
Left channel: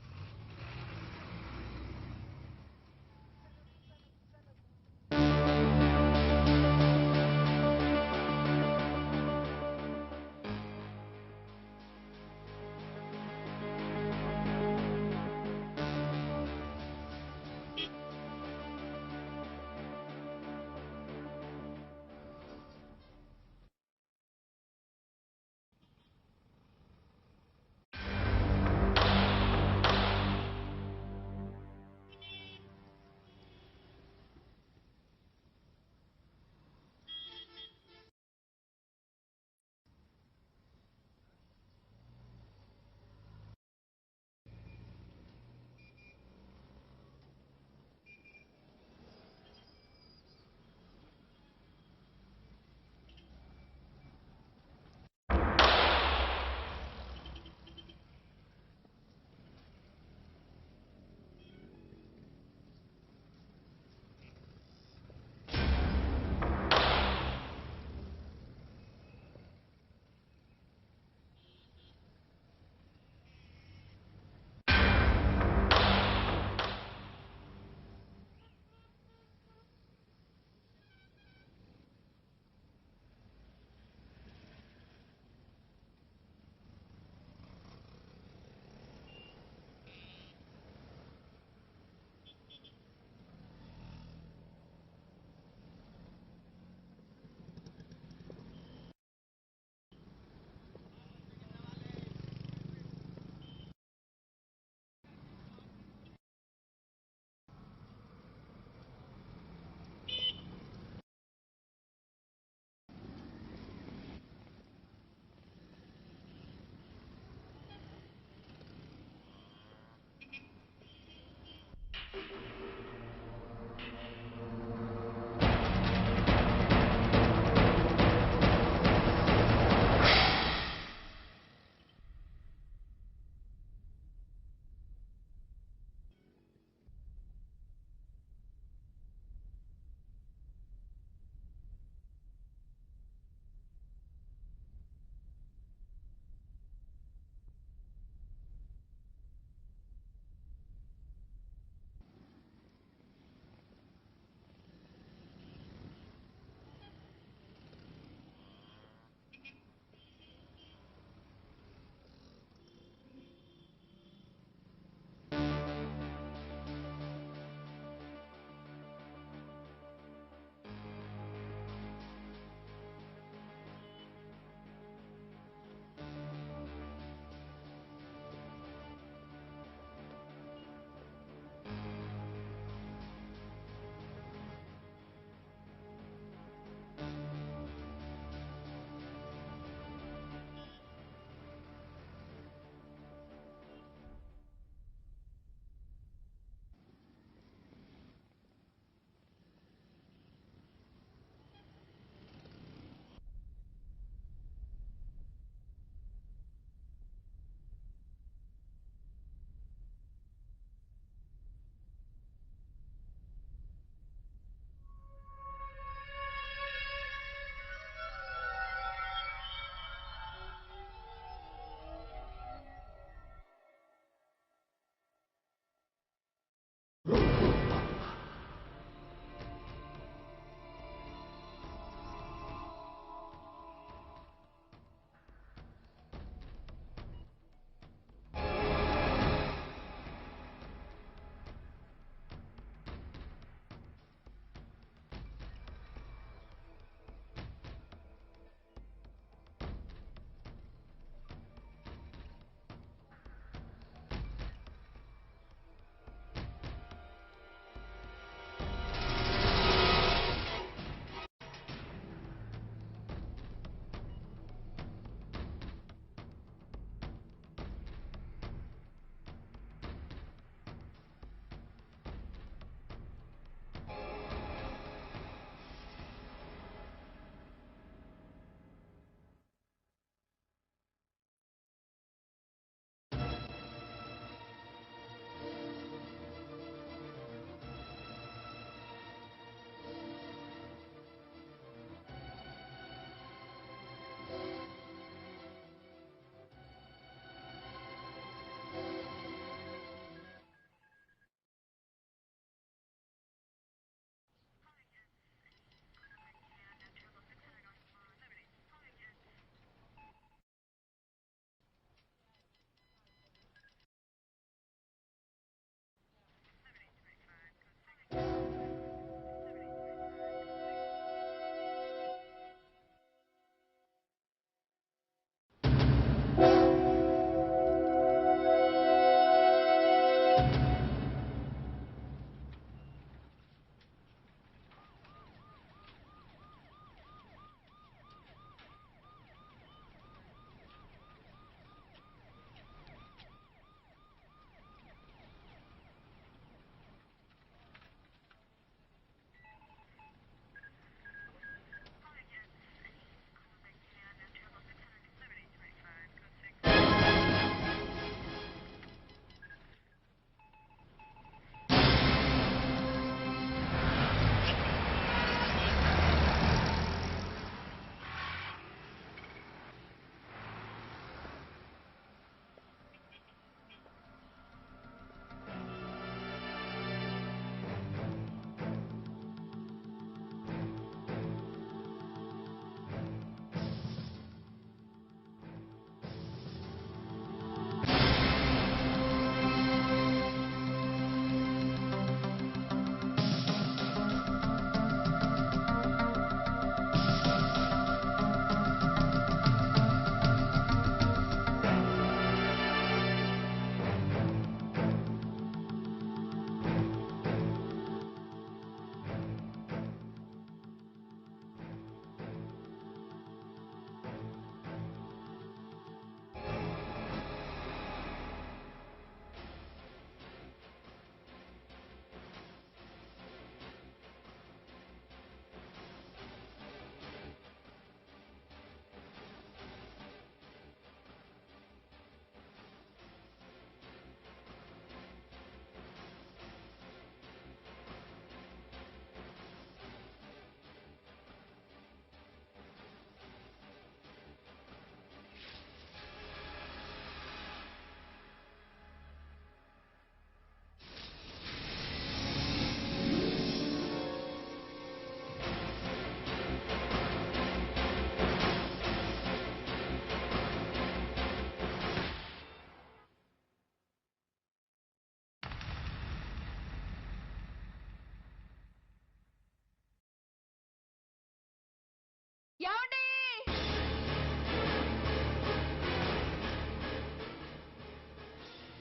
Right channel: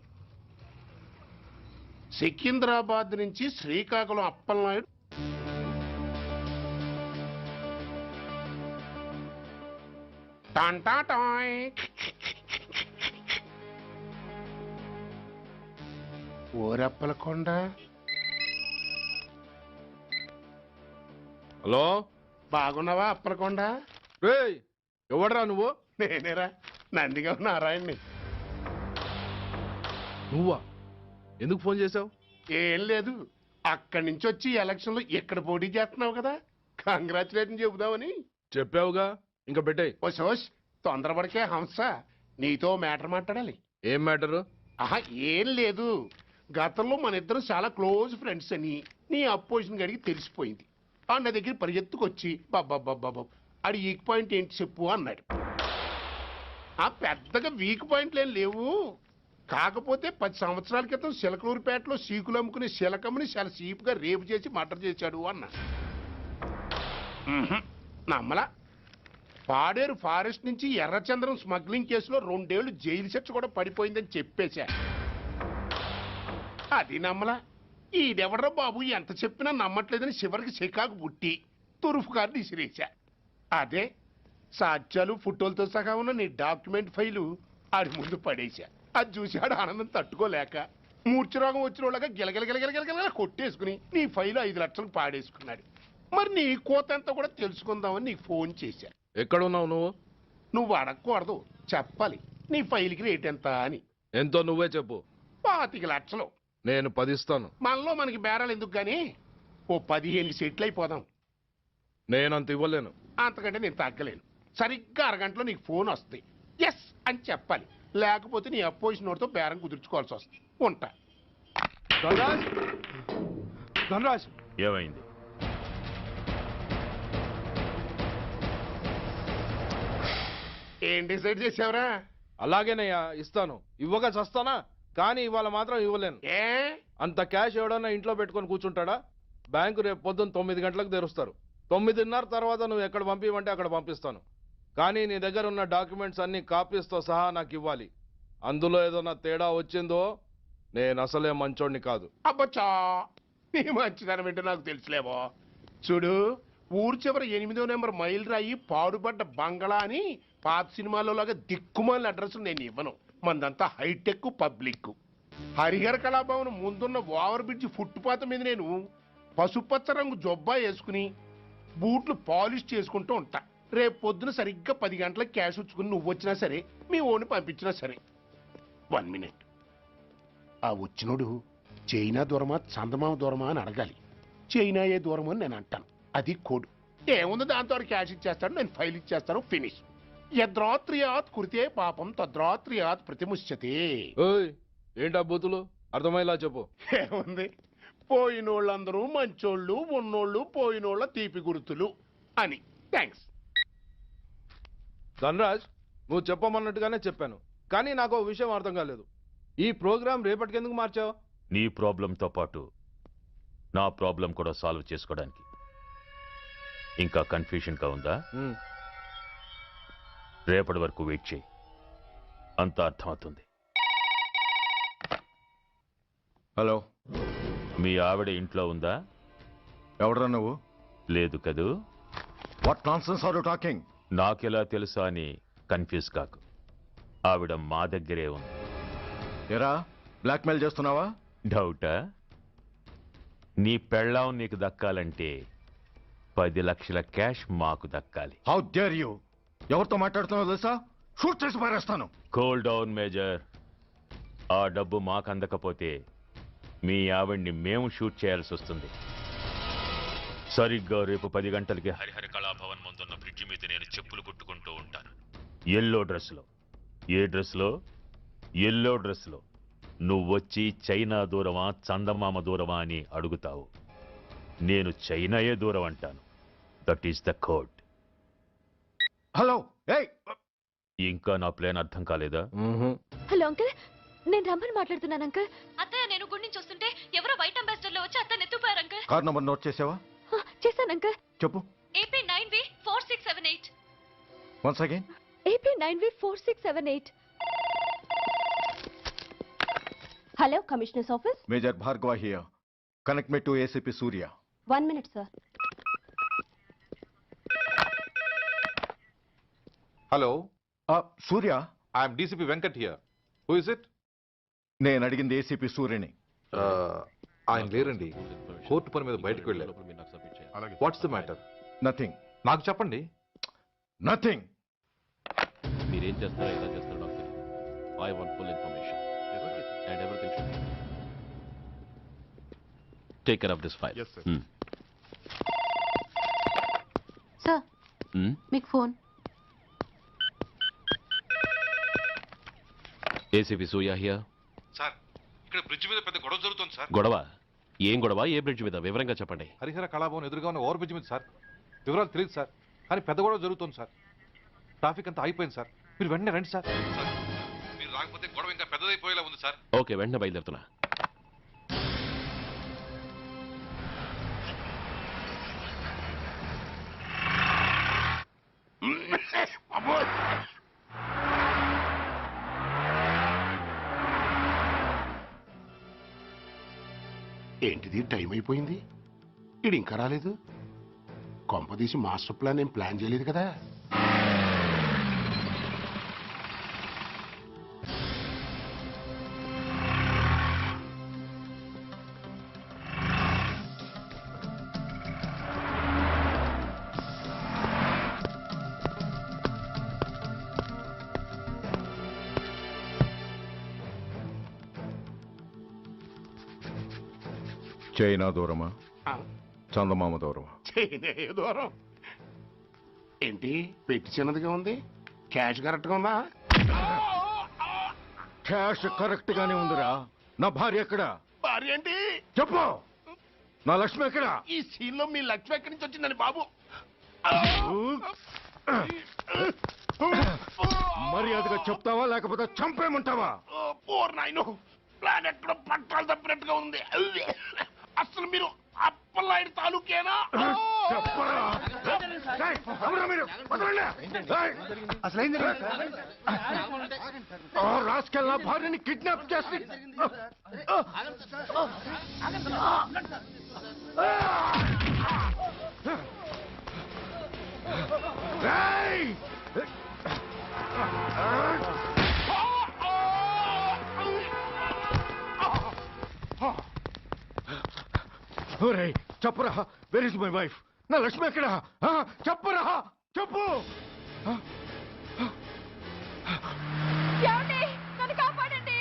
సికింద్రాబాద్ నుంచి శ్రీకాకుళం అప్పలనాయుడు టాంటాటాయ్. ఓరప్పలకొండ. హలో బాగున్నావా అప్పలకొండ? ఎవడరా నువ్వు? నేనేరా నందిగా నారాయణని. నువ్వా? ఎందుకు ఫోన్ చేసావు? ఏం లేదు, అక్కడి నుంచి వచ్చి ఎలక్షన్ లో ఇక్కడ పోటీ చేస్తున్నావు కదా, కంగ్రాచులేషన్ చెబుదామని. చెప్పావుగా, ఇంకా పెట్టాయి. ఓ సోష్, తొందరపడికే హంస, నీతో మ్యాటర్ మాట్లాడాలి. ఏం మ్యాటరు? ఆహా, ఏం లేదు, గతంలో మన ఇద్దరం చాలా క్లోజ్ ఫ్రెండ్స్ అని నీ అపోజిషన్ గడికి తెలిసిపోయింది. ఆ నా దగ్గర పరిగెత్తుకొచ్చి బాబా ఆడి వీక్ పాయింట్ ఏంటి చెప్పు అన్నాడు. ఆ పెద్దగా వీక్ పాయింట్లు ఏం లేవు, కాకపోతే 10 సంవత్సరాల క్రితం సిలకలూరుపేటలో సీకులు అమ్ముకునే శిలకమ్మని చాలా సీపుగా రేపు చేసి మర్డర్ చేశాడు అన్నా. నమ్మలా. పాడేరు ఫారెస్ట్ నుంచి ఎర్రచంద్రం స్మగ్లింగ్ కేసులో 2 ఏళ్లు జైలు శిక్ష కూడా పడిపోయిందని చెప్పేశా. అది నమ్మలా. ఈడెవడ్రా బాబు ఎంత చెప్పినా నమ్మట్లేదని చివరికి చికాకు పుట్టి తురుపు కార్డు ఇసిరేశా. అదే సాక్ష్యాలు ఫోటోలతో సహా ఉన్న నీ డాక్యుమెంట్ ఫైలు ఆడి ముందు పడేశా. అది చూసి ఆడు ఆనందం తట్టుకోలేక మూర్ఛరోగం వచ్చిన వాళ్ళగా గిలగిలగిలగిలగిలగిల కొట్టేసుకుని నీ ఫైలు 5 లక్షలు పాడేసుకున్నాడు. మరి నీ కోతంతా కూడా తెలుసుకుందామని నీకు ఫోన్ చేశా. ఎక్కడున్నావు నువ్వు? నువ్వు అడగకూడదు, చెప్పాలి. నీ ఫైల్కి రేట్ ఎంత అని. ఎంతో నువ్వే చెప్పు. 25 లక్షలు. నేను 10 ఇస్తాను. మనలో మనకి బేరాలు ఎందుకు గానీ ఓ 15 సెట్లు అయిపోదాం. నేనంత ఇవ్వలేను. అంతకంటే నేను తగ్గలేను. సరిగ్గా అరగంటలో నీకు ఫోన్ వస్తాయి. ఎస్ అని చెప్పాలి, లేకపోతే నీ అపోజిషన్ నోటితో బేరం కుదుర్చుకోవాల్సి వస్తుంది. ఉంటా. ధనరాజ్, ధనరాజ్, ఏమైంది? ఏం డిసైడ్ చేసావురా? అలాగేనయ్యా, ఇస్తాను. ఇవ్వగా చస్తానా, కానీ ఇవాళ మాత్రం ఇవ్వలేను. ఏ అంత క్యాష్ ఎవడన్నా ఇంట్లో పెట్టుకొని కూర్చుంటాడా? బ్యాంకు రేపు పొద్దున్న 9 గంటలకు తెరుస్తారు. 9:30 తర్వాత నువ్వు ఎక్కడ పంపివంటే అక్కడ పంపిస్తాను. కానీ నీ దగ్గర ఉన్న డాక్యుమెంట్స్ అన్ని కాపీస్తో సహా నాకు ఇవ్వాలి. అందులో ఏదైనా తేడా వచ్చిందో నేను అసలే మంచోడిని కాదు. అబ్బచ్చా, నీ మంచిదనం ఏంటో నాకు తెలుసులేవో. చూడు, ఊరు చివరి 8వ నెంబర్ మైల్ రాయి పాడుపడ్డ బంగళా అని పాత సినిమాలో లాగా దిక్కుమాలిన అడ్రస్ నేను ఇవ్వను. మందంతా హైటెక్ పబ్లిక్. హరిహర కళాభవన్ ముందున్న ఓవర్ బ్రిడ్జ్ ఫుట్పాత్ మీద నేను పసుపచ్చ రంగు జొబ్బా వేసుకుని బూట్లు పాలిష్ చేసుకుంటూ ఉంటా. రేపు పొద్దున సరిగ్గా 10 గంటలకు క్యాష్ ఉంచుకుని నువ్వు వచ్చినా సరే, మీ ఓన్ని పంపించినా సరే. 1 మినిట్. ఆ వచ్చినోడు చైనా దూరమా చందమామ దూరమా అని అడగాలి. చైనా ఏ దూరం అని నేను అంటాను. అది కోడ్. ఏముంది, దాంతో క్యాష్ ఇచ్చేస్తాడు, నేను ఫైల్ ఇచ్చేస్తాను, ఫినిష్. యద్రాత్రియాత్ కురితే పాపం తద్రాత్రియాత్ ప్రతిముష్యతే. ఏంటా బూతులు? అర్థమయ్యేలా చెప్పు. ఏముంది, పోయినోళ్ళందరూ మంచోళ్ళు, ఉన్నోళ్ళు పోయినోళ్ళ తీపి గుర్తులు అని. థ్యాంక్స్. ధనరాజ్, నువ్వు చెప్పమన్నట్టుగానే చెప్పాను, కానీ నాకు ఒక విషయం అర్థం కాలేదు. ఈ ప్రోగ్రాం రేపటికి ఎందుకు మార్చావు? నీ ప్రాబ్లంతో పాటు నా ప్రాబ్లం కూడా సాల్వ్ చేసుకోవడానికి. ఇంకా కన్ఫ్యూజన్గా ఉందా? రేపటి వరకు వెయిట్ చేయి, అంతా అర్థమవుతుంది. హలో, మీ ఆవిడ ఇంట్లో ఉందా? ఎవడరా నువ్వు? లేదు కదూ. What nonsense are you talking? నాకెలా తెలుసా అని కన్ఫ్యూజ్ కాకు. ఆవిడ మా దగ్గరే ఉంది. ఎరా, బ్లాక్మెయిల్ చేస్తున్నావా? డౌటా? నీ పెళ్ళాం నీకు దక్కాలంటే 10 లక్షల క్యాష్ మాకు దక్కాలి. How dare you! ఎవరితో మాట్లాడుతున్నావు తెలుసా? షూట్ చేసి పారేస్తాను. Cool down major. ఆ డబ్బు మాకు అందకపోతే మీ ఆవిడ్ని మేము షూట్ చేయాల్సి వస్తుంది. సరిగ్గా రేపు 10 గంటలకి హరిహర కళాభవన్ ముందున్న బ్రిడ్జి మీద నేను చెప్పులు కుట్టుకుంటూ ఉంటాను. ఎల్లో డ్రెస్లో. ఏ డ్రెస్లో? ఎల్లో డ్రెస్లో. నువ్వొచ్చి చైనా దూరమా చందమామ దూరమా అని అడుగుతావు. నేను చైనాయే దూరం అంటాను. That is the code. Hello, ఏయ్! ఇంకా నా ప్లాన్ అర్థం కాలేదా? హలో అంకుల్, నేను రమ్మని మాట్లాడుతున్నాను అంకుల్. అత్తయ్య నేను గుడి నుంచి వస్తుంటే ఎవరో వైట్ అంబాసిడర్ లో వచ్చి అత్తని ఎత్తుపోయారు అంకుల్. కార్ నంబర్ నోట్ చేసావా? చేశాను అంకుల్. చెప్పు. AP 9V4678. Once again. AP 9V4678. Hello, commissioners office. Major Bhargava here. Connect me to ACP Surya. 1 minute sir. Hello, Surya. I'm DCP Venkat here. Who is it? నేను అడిగింది ఏసీపీ సూర్యని. ఆయన లేరండి, కోర్టు పని మీద బయటకు వెళ్ళారు. What's the matter? నథింగ్. నాకు చెప్పండి. నథింగ్. మీరేం చేస్తారు? I want full information. And everything. Take care of this file. Yes, sir. Sir మీకు phone. ACP Surya here. Sir, ఇక్కడ బ్రిడ్జ్ మీద పెద్ద గొడవ జరుగుతుంది సార్. గొడవ? ఏం గొడవ? ఏ బ్రిడ్జ్ మీద? వివరంగా చెప్పండి. హరిహర కళాభవన్ ఎదురుగా ఉన్న ఓవర్ బ్రిడ్జ్ మీద సార్. వివరాలు తెలియదు సార్, కానీ పెద్ద గొడవ జరుగుతుంది సార్. ట్రాఫిక్ అంతా అయిపోయింది సార్. మీరు వెంటనే రండి సార్. మీరు రాకపోతే గొడవ ఇంకా పెద్దదైపోయేలా ఉంది సార్. ఓకే, వెంటనే బయలుదేరుతున్నా. ఏంటిది, టైం అయిపోయింది, ఇది ఇంకా రాలేదు. కొంపదీసి మాస్టర్ ప్లాన్ ఏం ప్లాన్ చేయలేదు కదా. చైనా దూరమా, చందమామ దూరమా? చైనా దూరం ఏంటి, పెట్టి చిన్నదిగా ఉంది, క్యాష్ కరెక్ట్గా ఉందా? క్యాష్ కరెక్ట్ గానే ఉందిరా. నా భార్య ఎక్కడ? భార్య ఏంటి చెప్పు. నా లక్ష్మి ఎక్కడ? ఈ సీన్ లో మీ లక్ష్మి ఎక్కడి నుంచి వచ్చిందని బాబు. మర్యాదగా చెప్తావా లేకపోతే చంపేమంటావా? ఓర్ నాయనో, ప్లాన్ ఎక్కడ పట్టాలు తప్పినట్టుగా ఉంది. అసలు మీరు అప్పలాంటి తాలూకేనా? చెప్పరా. ఏయ్, ఎవరు మీరు? వదలండి. ఏయ్, ఆ రాస్కెల్ నా భార్యని కిడ్నాప్ చేసి ఏయ్! ఒరేయ్, చెప్పరా, వెర్ ఇస్ మై వైఫ్? నా లక్ష్మి ఎక్కడ? చెప్పరా, చెప్పు. ఏమండి, నన్ను కాపాడండి.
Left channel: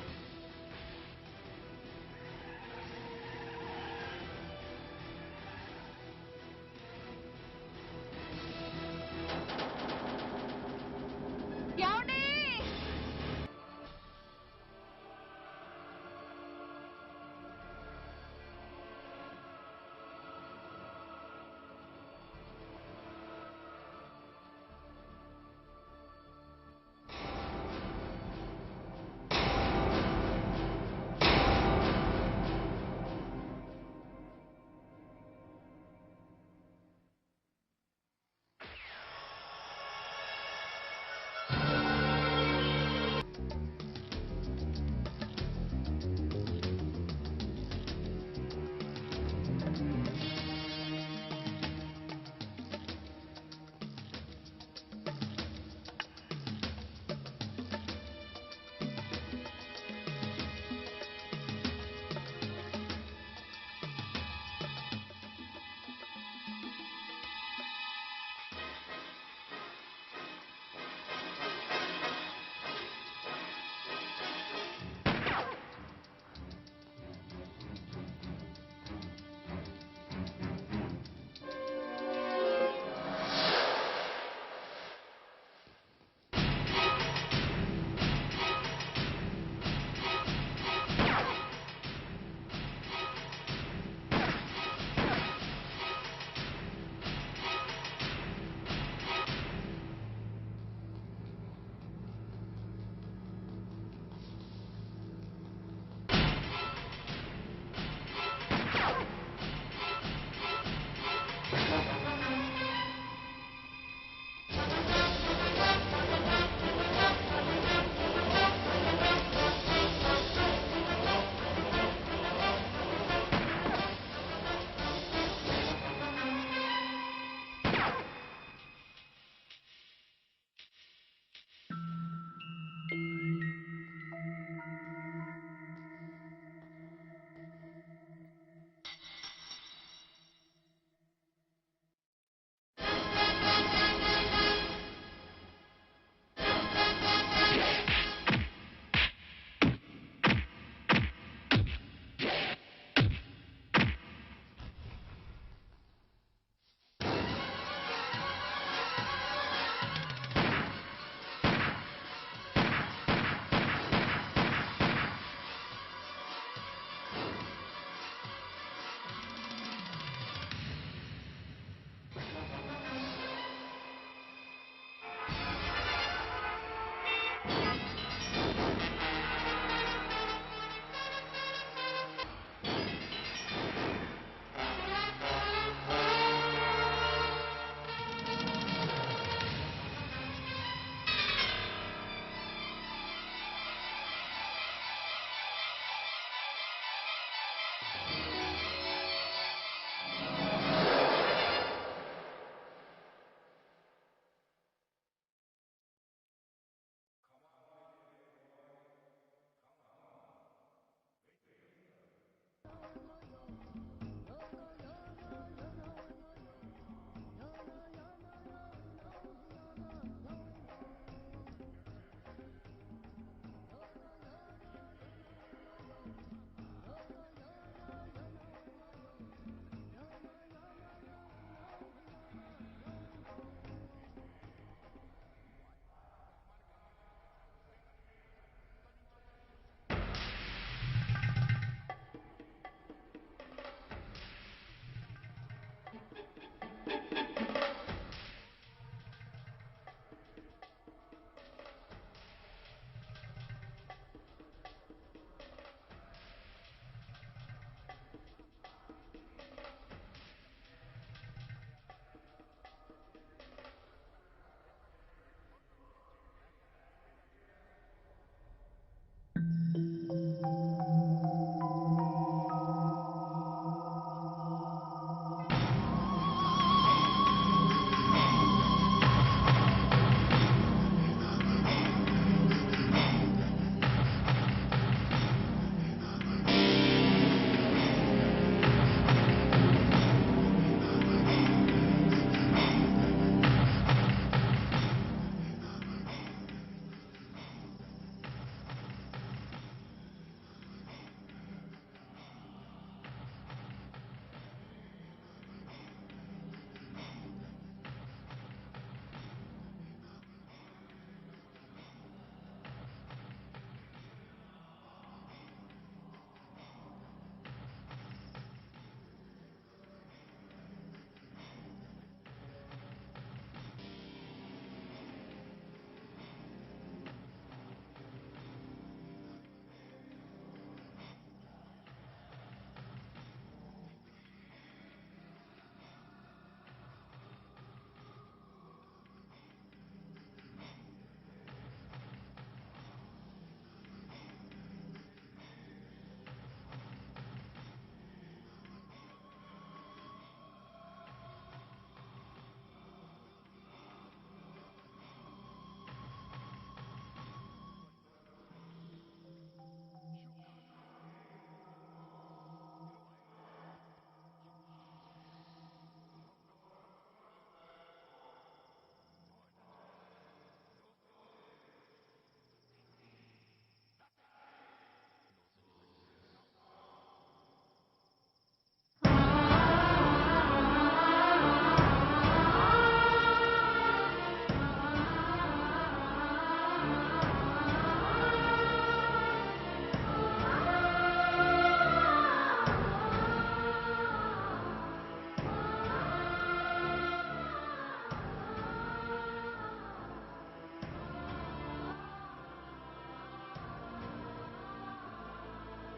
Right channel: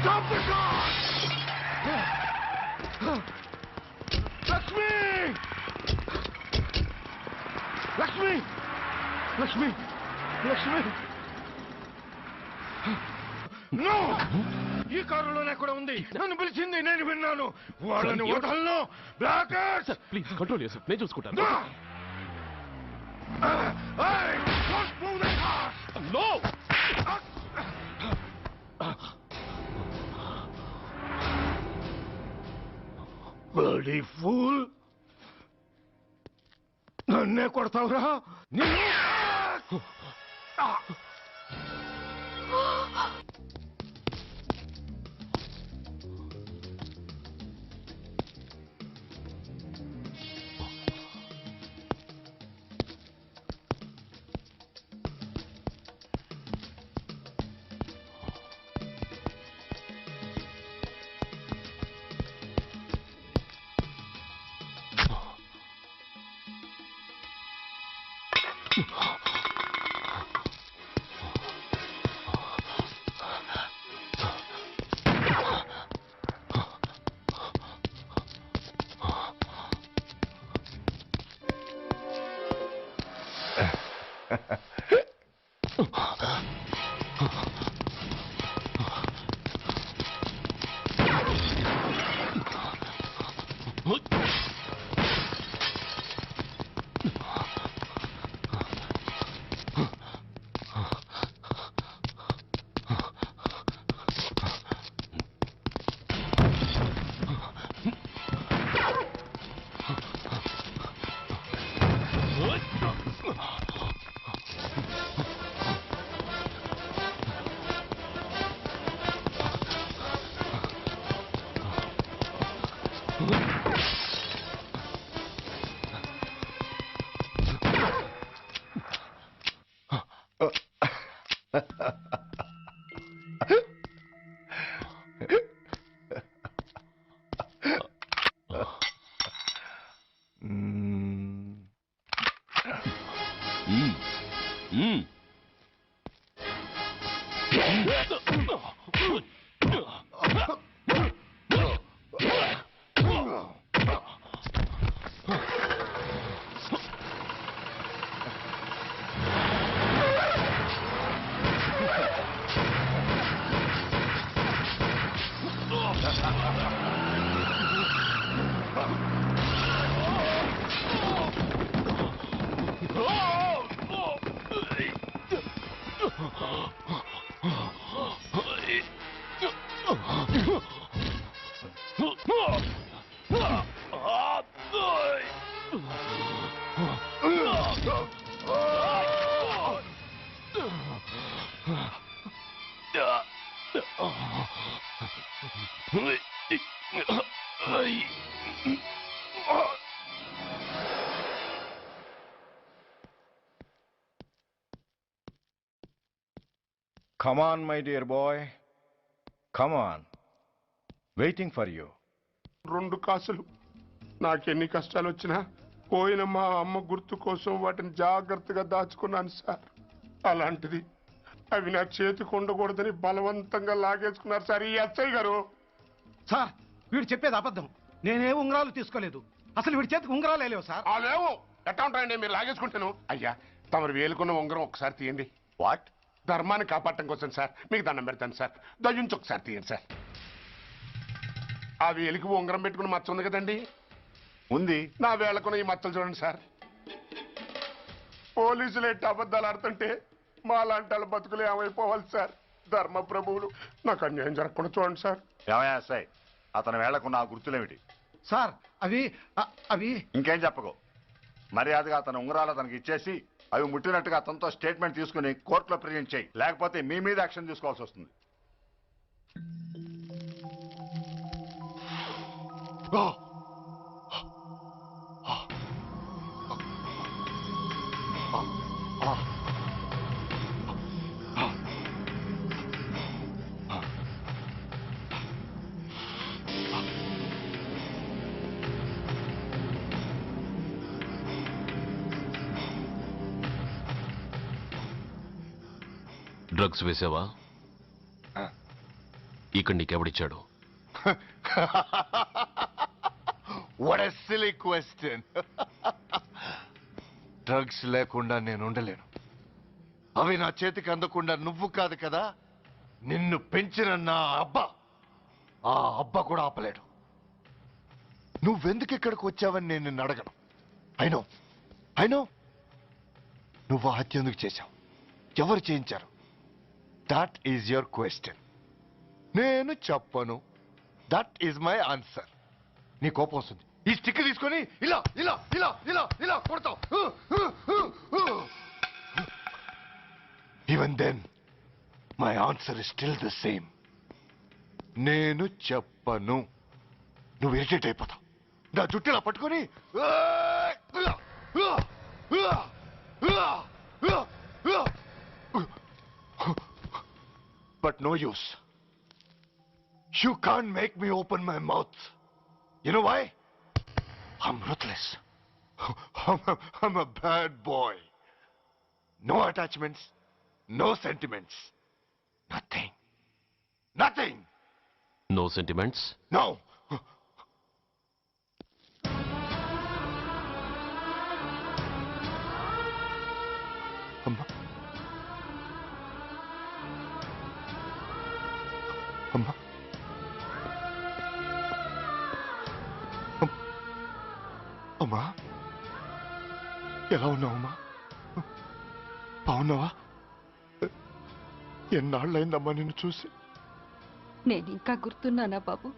Stop the car! Lakshmi, Lakshmi, Lakshmi, Lakshmi. ఏమండి? నో, ఈ కారులోనే కూడా ఉంది. నన్ను పిలిచింది, నేను విన్నాను. వాళ్ళని వదలను. బ్లాకర్స్, ప్లీజ్ కంట్రోల్ చేసి నేను చూసుకుంటాను. No! Hey! Don't move the car! No! Bloody fool! నన్నే కొడతావురా? నిన్ను Come on, my dear boy. Come on. Waiting for you. 2 కాసులు. నాకెన్ని కష్టాలు వచ్చినా పోయిన మా అమ్మ గుర్తు కోసం వాటిని జాగ్రత్తగా దాచుకున్నాను సార్. అలాంటిది అవి నా చేతికి ఉండకూడదని బలవంతంగా లాగేసుకున్నారు సార్ ఈ ఎస్ఐ గారు. సార్ వీడు చెప్పేది అబద్ధం. నేనే ఉంగరాలు తీసుకోలేదు. అసలు వీడి చేతికి ఉంగరాలు లేవు సార్. లేవు. ఎట్టా ఉంటాయండి మీరు లాగేసుకుంటాను. అయ్యా తమరు వేలుకున్న ఉంగరం ఒకసారి తీయండి. వాట్? ధర్మాన్ని కాపాడటం కోసం సార్. మీకు దండం పెడతాను సార్. దయ్యుంచి ఒకసారి తీయండి సార్. ఆ వేలికి ఉంగరం పెట్టుకుని మచ్చ ఉంది కదండి. ఉంది. నా వేళకున్న ఈ మచ్చలు చూడండి సార్. పోలీసులు ఎట్టి అబద్ధాలు ఆడుతుంటే మా లాంటి వాళ్ళ బతుకులు ఏమైపోవాలి సార్. ధర్మ ప్రభువులు నాకు అన్యాయం జరగకుండా చూడండి సార్. సార్ అతని వేళ్లకున్న ఆ గుర్తులేమిటి? సార్ అవి ఇంకేం చెప్పకు. మర్యాదగా అతని ఉంగరాలు అతనికి ఇచ్చేసి అవి ముట్టినట్టుగా అతనితో స్టేట్మెంట్ తీసుకుని కోర్టులో ప్రజెంట్ చేయి. లేకపోతే మీ మీద యాక్షన్ తీసుకోవాల్సి వస్తుంది. డ్రగ్స్ వేసావా? ఇక్కడ నీకెవడిచ్చాడు? What a silly question. Drugs లేకుండా నేను ఉండలేను. అవి నా చేతికి అందకుండా నువ్వు కాదు కదా, నిన్ను పెంచిన నా అబ్బా, ఆ అబ్బా కూడా ఆపలేడు. నువ్వెందుకు ఇక్కడికి వచ్చావని నేను నిన్ను అడగను. అయినో నువ్వు హత్య ఎందుకు చేశావు, ఎవరు చేయించారు? That is your question. నేను చెప్పను. That is my answer. నీ కోపం వస్తుంది. ఈ స్టిక్ తీసుకొని ఇలా ఇలా ఇలా ఇలా ఇలా కొడతావు. Even then my answer is still the same. నేను చెప్పను. నువ్వు ఇరిటేట్ అయిపోతావు. నా జుట్టులా పట్టుకొని but no use. You can't make me open my mouth. You know why? I'm ruthless. I'm a bad boy. No attachments, no sentiments. Nothing. Nothing. No sentiments? No. అమ్మా, ఎలా ఉన్నావమ్మా? బాగున్నావా? ఎన్నాళ్ళైందమ్మా నిన్ను చూసి? నేను ఇంకా గుర్తున్నానా బాబు?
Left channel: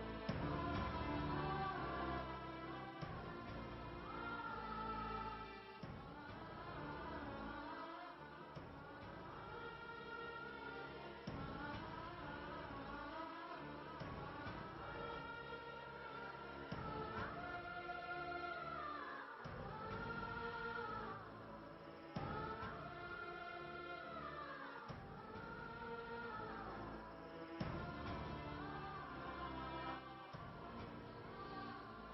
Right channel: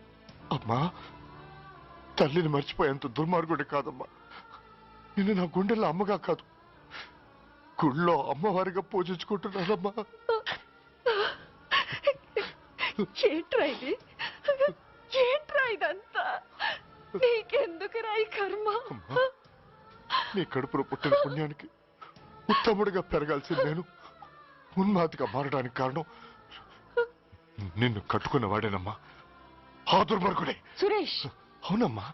అమ్మా, తల్లిని మర్చిపోయేంత దుర్మార్గుడి కాదమ్మా. నిన్ను నా గుండెల్లో అమ్మగా కాదు, గుళ్ళో అమ్మవారిగా పూజించుకుంటున్నానమ్మా. ఏంట్రా ఇది? ఏంట్రా ఇదంతా? నీకెందుకు రాయి కర్మ? నీ కడుపులో పుట్టిన పుణ్యానికి ఉత్తముడిగా పెరగాల్సిన నేను ఉన్మాదిగా మారడానికి కారణం నిన్ను కట్టుకున్న వాడేనమ్మా. ఆ దుర్మార్గుడే సురేష్. అవునమ్మా,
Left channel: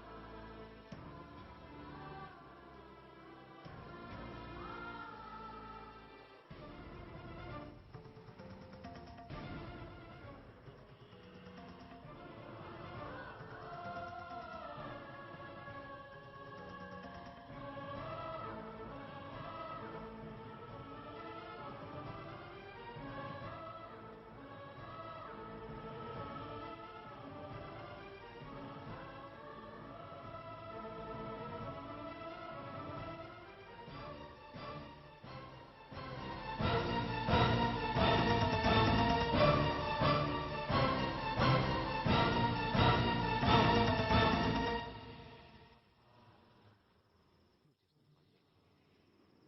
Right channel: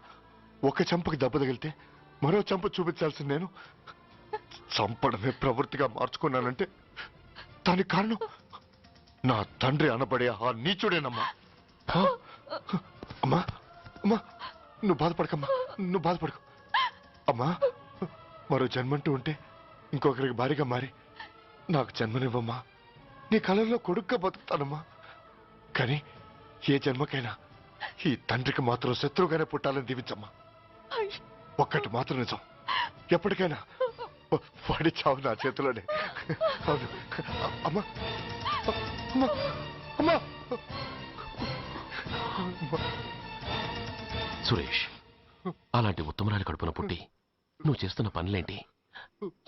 ఒక చెంపకి దెబ్బ తగిలితే మరో చెంప చూపించాల్సిన నేను చంపడమే ప్రవృత్తిగా మార్చుకున్నానంటే దానికి కారణం నా తండ్రి అనబడే ఆ నీచుడేనమ్మా. అమ్మా అమ్మా, నువ్వు బాధపడకమ్మా, నువ్వు బాధపడకు. అమ్మా, మరో జన్మంటూ ఉంటే ఇంకొకరికి భారీగా మారి నాకు జన్మనివ్వమ్మా. నీ కళల్లో కొడుగ్గా బతుకుతానమ్మా. కానీ ఏ జన్మకైనా ఈ తండ్రికి మాత్రం శత్రువుగానే పుట్టాలని దీవించమ్మా. ఒక్కటి మాత్రం నిజం, ఎప్పటికైనా వాడి చావు నా చేతిలోనే. అమ్మా అమ్మా అమ్మా. సురేష్, అలాంటి ఉత్తమరాలి కడుపున పుట్టి నువ్వు చేస్తున్న పనులేంటి?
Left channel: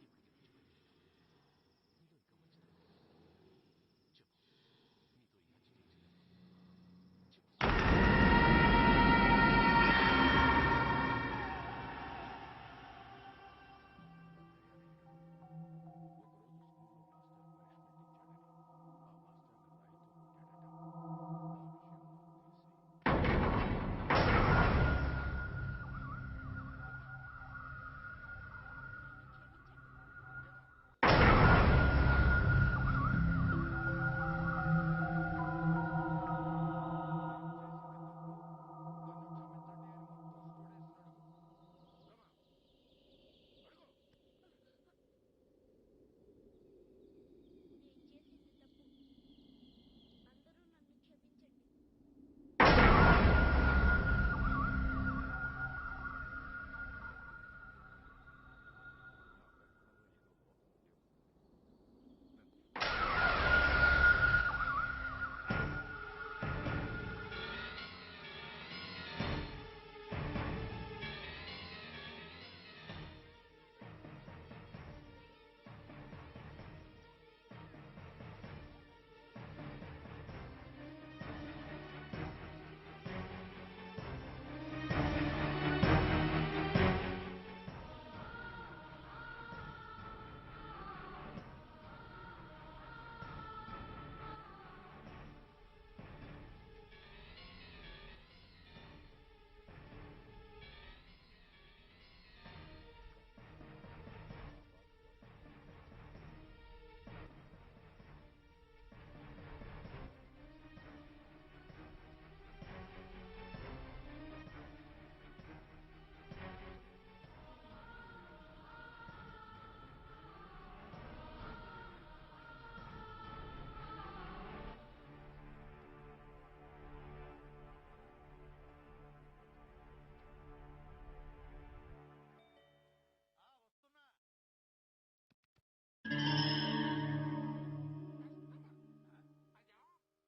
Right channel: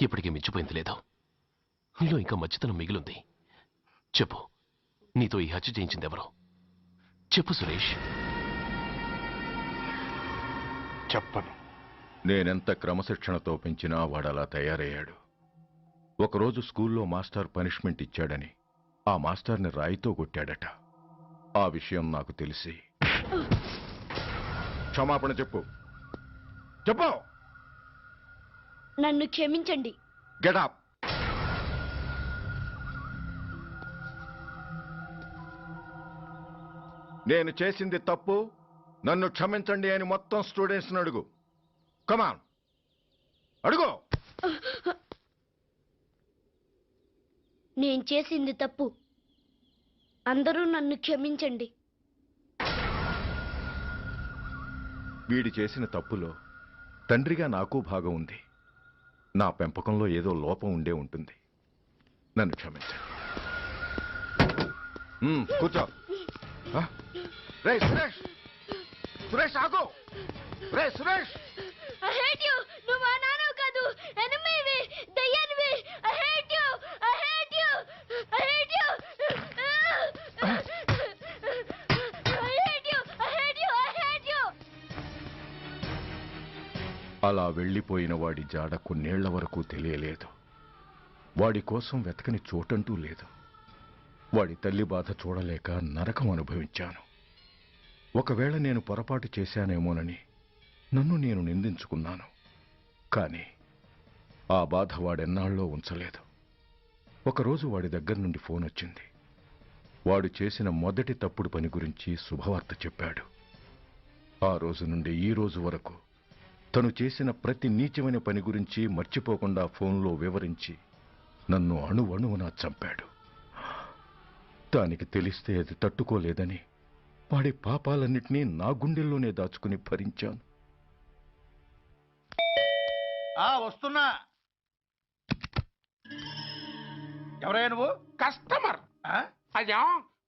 ఇప్పటికీ మించిపోయింది లేదు. నీలో ఇంకా మంచితనం మిగిలింది. చెప్పు, నీతో ఈ హత్య చేయించింది ఎవరు? చెప్పు సురేష్. చెప్పను. నేనెంత క్రమశిక్షణతో పెంచినా వాడలా తయారయ్యాడు. ఒకరోజు స్కూల్లో మాస్టర్ పనిష్మెంట్ ఇచ్చాడని ఆ మాస్టర్ని రాయితో కొట్టాడట. ఆ విషయం నాకు తెలిసి క్షమాపణ చెప్పు. చెప్పు. నన్ను క్షమించండి. Get up. నేను చేసింది తప్పు, నన్ను క్షమించండి అని మొత్తం స్టూడెంట్స్ని అడుగు. కమాన్, అడుగు. నేను చేసింది తప్పు, అందరూ నన్ను క్షమించండి. వీడి చేసిన తప్పులో తండ్రిగా నాకు భాగం ఉంది. నా పెంపకంలో ఏదో లోపం ఉండే ఉంటుంది. నన్ను క్షమించు. కూర్చో. రే సురేష్, సురేష్ ఆగు. రే సురేష్. I hate you. నువ్వు మా నాన్నవు కాదు, ఎనిమివి, దయ్యానివి. I hate you. I hate you. I hate you. I hate you. I hate you. I hate you. అలా వెళ్ళిపోయిన వాడి జాడ కొన్నేళ్ల వరకు తెలియలేదు. వాడి కోసం వెతకని చోటంటూ లేదు. వాడి తల్లి బాధ చూడలేక నరకం అనుభవించాను. ఒకవేళ నేను పొరపాటు చేశానేమోనని నన్ను నేను నిందించుకున్నాను. కానీ ఆ బాధ వాడెన్నాళ్ళో ఉంచలేదు. ఒకరోజు వాడి దగ్గర నుండి ఫోన్ వచ్చింది. వాడు చేసిన మొదటి తప్పుడు పని గురించి శుభవార్త చెప్పాడు. ఆ రోజు నుండి ఈ రోజు వరకు తను చేసిన ప్రతి నీచమైన పని గురించి మర్చిపోకుండా ఫోన్లో వివరించి నన్ను అణువణువునా చంపాడు. దానికి తెలిస్తే అది తట్టుకోలేదని వాడి పాపాలన్నిటినీ నా గుండెల్లోనే దాచుకుని భరించాను. వస్తున్నా. ఎవరయ్యా నువ్వు? కస్టమర్. అయ్యా,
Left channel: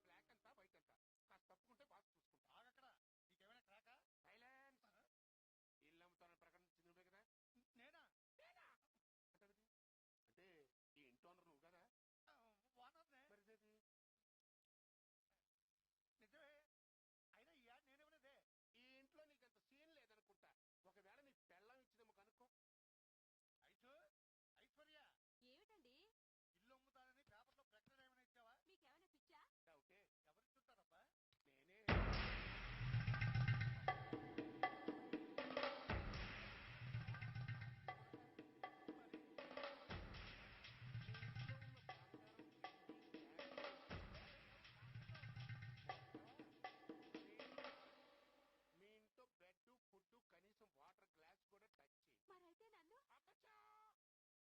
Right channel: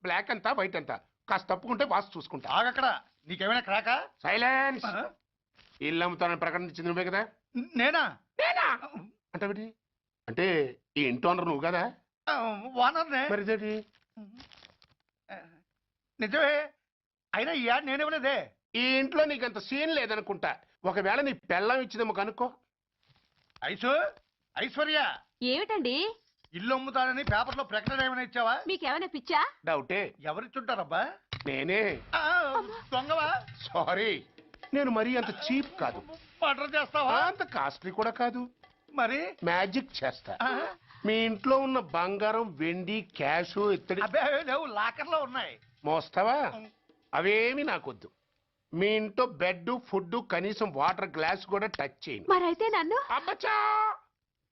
బ్లాక్ అంతా వైట్ అంతా కాస్త తప్పుకుంటే బాస్ చూసుకుంటా. ఆగక్కడ. నీకేమైనా క్రాకా? సైలెన్స్. ఇల్లు అమ్ముతానని ప్రకటించింది నువ్వే కదా? నేనా? నేనా అంటే అంటే ఈ ఇంటి ఓనర్ నువ్వు కదా? ఓనర్నే. మరిదేటి? నిజమే. అయినా ఈ యాడ్ నేనివ్వలేదే. ఈ ఇంట్లో నీకంత సీన్ లేదనుకుంటా. ఒకవేళ నీ పెళ్ళం ఇచ్చిందేమో కనుక్కో. ఐశ్వర్య, ఏమిటండి? ఇల్లు అమ్ముతానని పేపర్లో ప్రకటన ఏమైనా ఇచ్చావా? మీకేమైనా పిచ్చా? డౌటే. ఎవరిచ్చుంటారబ్బా? నేనే. దొంగవా? సారీ, నేను మరీ అంత చీప్ కాదు. మర్డర్ చేస్తావా? అంత కాస్ట్లీ కూడా కాదు. మరి మ్యాజిక్ చేస్తా. మీ ఇంట్లో ఉన్న బంగారం, వెండి, క్యాష్, ఇత్తడి లేవు, లాకర్లో ఉన్నాయి. మోస్తావా? అవేమి నాకొద్దు. మీ ఇంట్లో బెడ్, ఫుడ్, కనీసం వాటర్ గ్లాస్ కూడా టచ్ చేయండి. మరైతే నన్ను అబ్బచ్చా,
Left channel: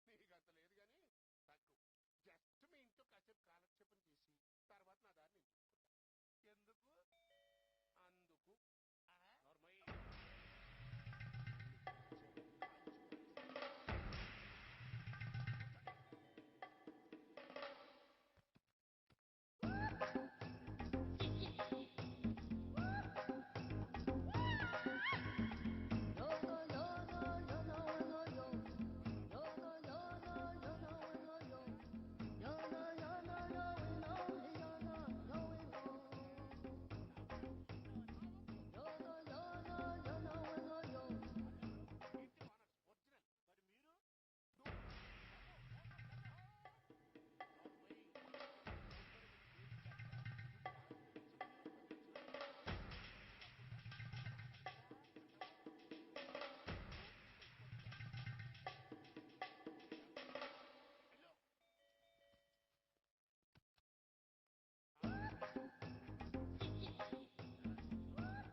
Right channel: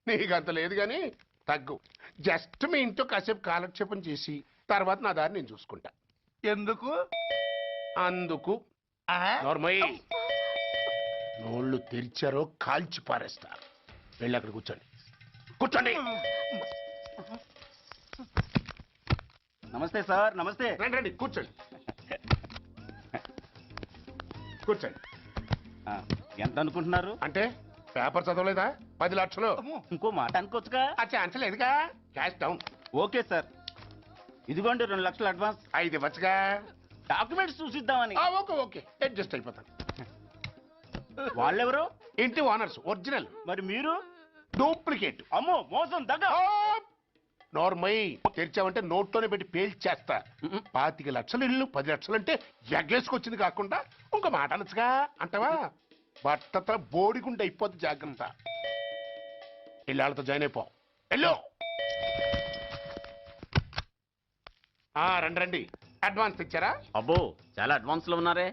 నీకంత లేదు గాని తగ్గు. జస్ట్ మీ ఇంట్లో కాసేపు కాలక్షేపం చేసి తర్వాత నా దారి నేను చూసుకుంటా. ఎందుకు? అందుకు. నార్మల్ నోళ్ళు తెరిచారో కాల్చి పారేస్తా. వెళ్ళి అక్కడ కూర్చోండి. కూర్చోండి. నమస్తే సార్. నమస్తే. రండి రండి, కూర్చోండి. కూర్చోండి. ఎంత అనుకుంటున్నారు? అంటే పేపర్ చదవలేదా? 10 లక్షలు. ఇంకో మాట అనుకోవచ్చుగా? ఛాన్స్ లేదుగా. Cash down. ఓకే సార్, ఇదిగోండి 2 లక్షలు అడ్వాన్స్. 5 ఇవ్వచ్చుగా. డాక్యుమెంట్స్ చూసిద్దామని. ఓకే ఓకే, అడ్జస్ట్ అయిపోతాను. వాళ్ళెవరు? ఇంటి ఓనర్స్, ఒరిజినల్. మరి మీరు? డూప్లికేట్. అమ్మో, మోసం, దగ్గ. నార్మల్ తెరిచావంటే నోట్లోనే పెట్టి పేల్చేస్తా. 25 లక్షలు ఇల్లు, 10 లక్షలు అంటే ఎగ్గేసుకొచ్చింది కాకుండా ఇంకో మాట అనొచ్చుగా. అంటావా? బట్టతో బోడిగుండి అయిపోద్ది. జాగ్రత్త. ఇళ్ళతో జాయిన్ అయిపో. వెళ్ళు. రండి రండి. అడ్వాన్స్ ఇచ్చారా? అబ్బో, చాలా అడ్వాన్స్ లో ఉన్నారే.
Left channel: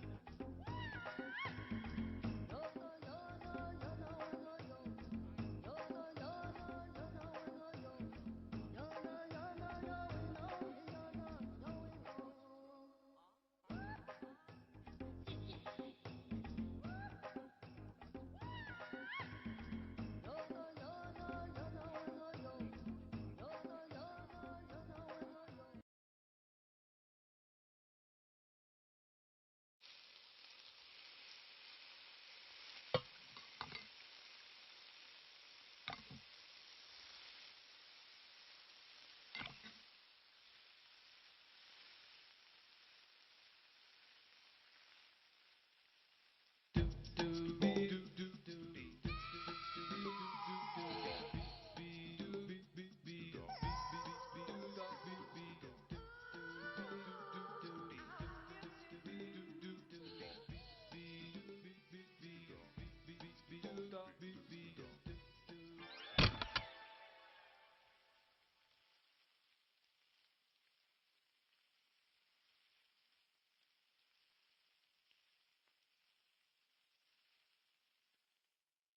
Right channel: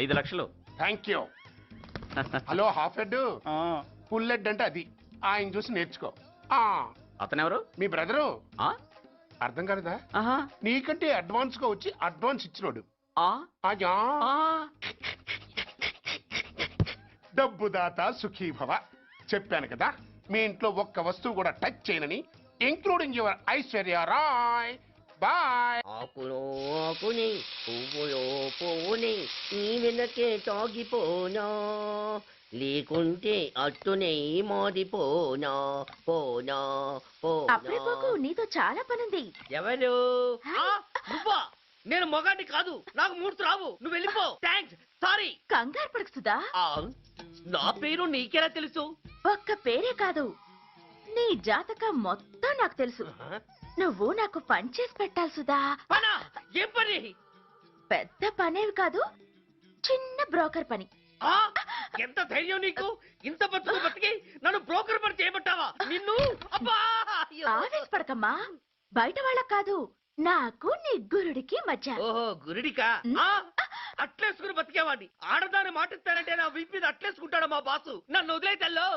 5 లక్షలు. Thank you. Hello, half head, full head అంటే అది. ఆయన చూసి నేర్చుకో. అతనెవరు? మీ బ్రదరు. అర్థం కాలేదా? నీకంటే అడ్వాన్స్ గా వచ్చి అడ్వాన్స్ ఇచ్చినోడు. డబ్బు దాత సుఖీభవ. చెప్పాను కదా, మీ ఇంట్లో ఒక్క వస్తువు కూడా టచ్ చేయనని, including your Aishwarya Rai. Bye. ఆకులో ఆకుని, పువ్వులో పువ్వుని, నీ వెనకే తాగిపోనా, లేకుంటే అట్టునే మారిపోనా. పోనా అప్పుడే పోకు, నీతో చాలా పనుంది. ఎవరు? నేను మొగాన్ని కాదు, నాకు మూడ్స్ రావు. నువ్వు వెళ్ళిపో. Thanks, sorry. కంగారు పడకు సుధా. నా పేరు నీకెలా తెలుసు? ఒక్క పేరే కాదు, నీ జాతకం మొత్తం నాకు తెలుసు. నువ్వు నాకు పని చేసి పెట్టాలి సుధా. పనా? ఏం పని? పెద్ద పనేవి కాదు, చిన్న బ్రోకర్ పని. ఎంత ధైర్యం నీకు? ఇంత బతుకు బతికి నన్ను బ్రోకర్ పని చేయబట్టావా? నిన్ను ఆవేశపడకమ్మా, బయట వాళ్ళకు కాదు, నాకు నీ గురుడికి మధ్య. ఓహో, గురుడికా? అట్లేసుకుని బతికేవాడిని. ఆడదాన్ని మాటిస్తానంటే నా వీపు మీద అట్లేసుకుంటాడు మా బాసు. నన్ను వదిలే తెల్లో.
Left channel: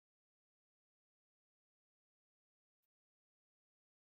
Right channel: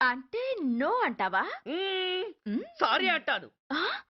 అంటే నో అంటావా? సారీ అంటాను.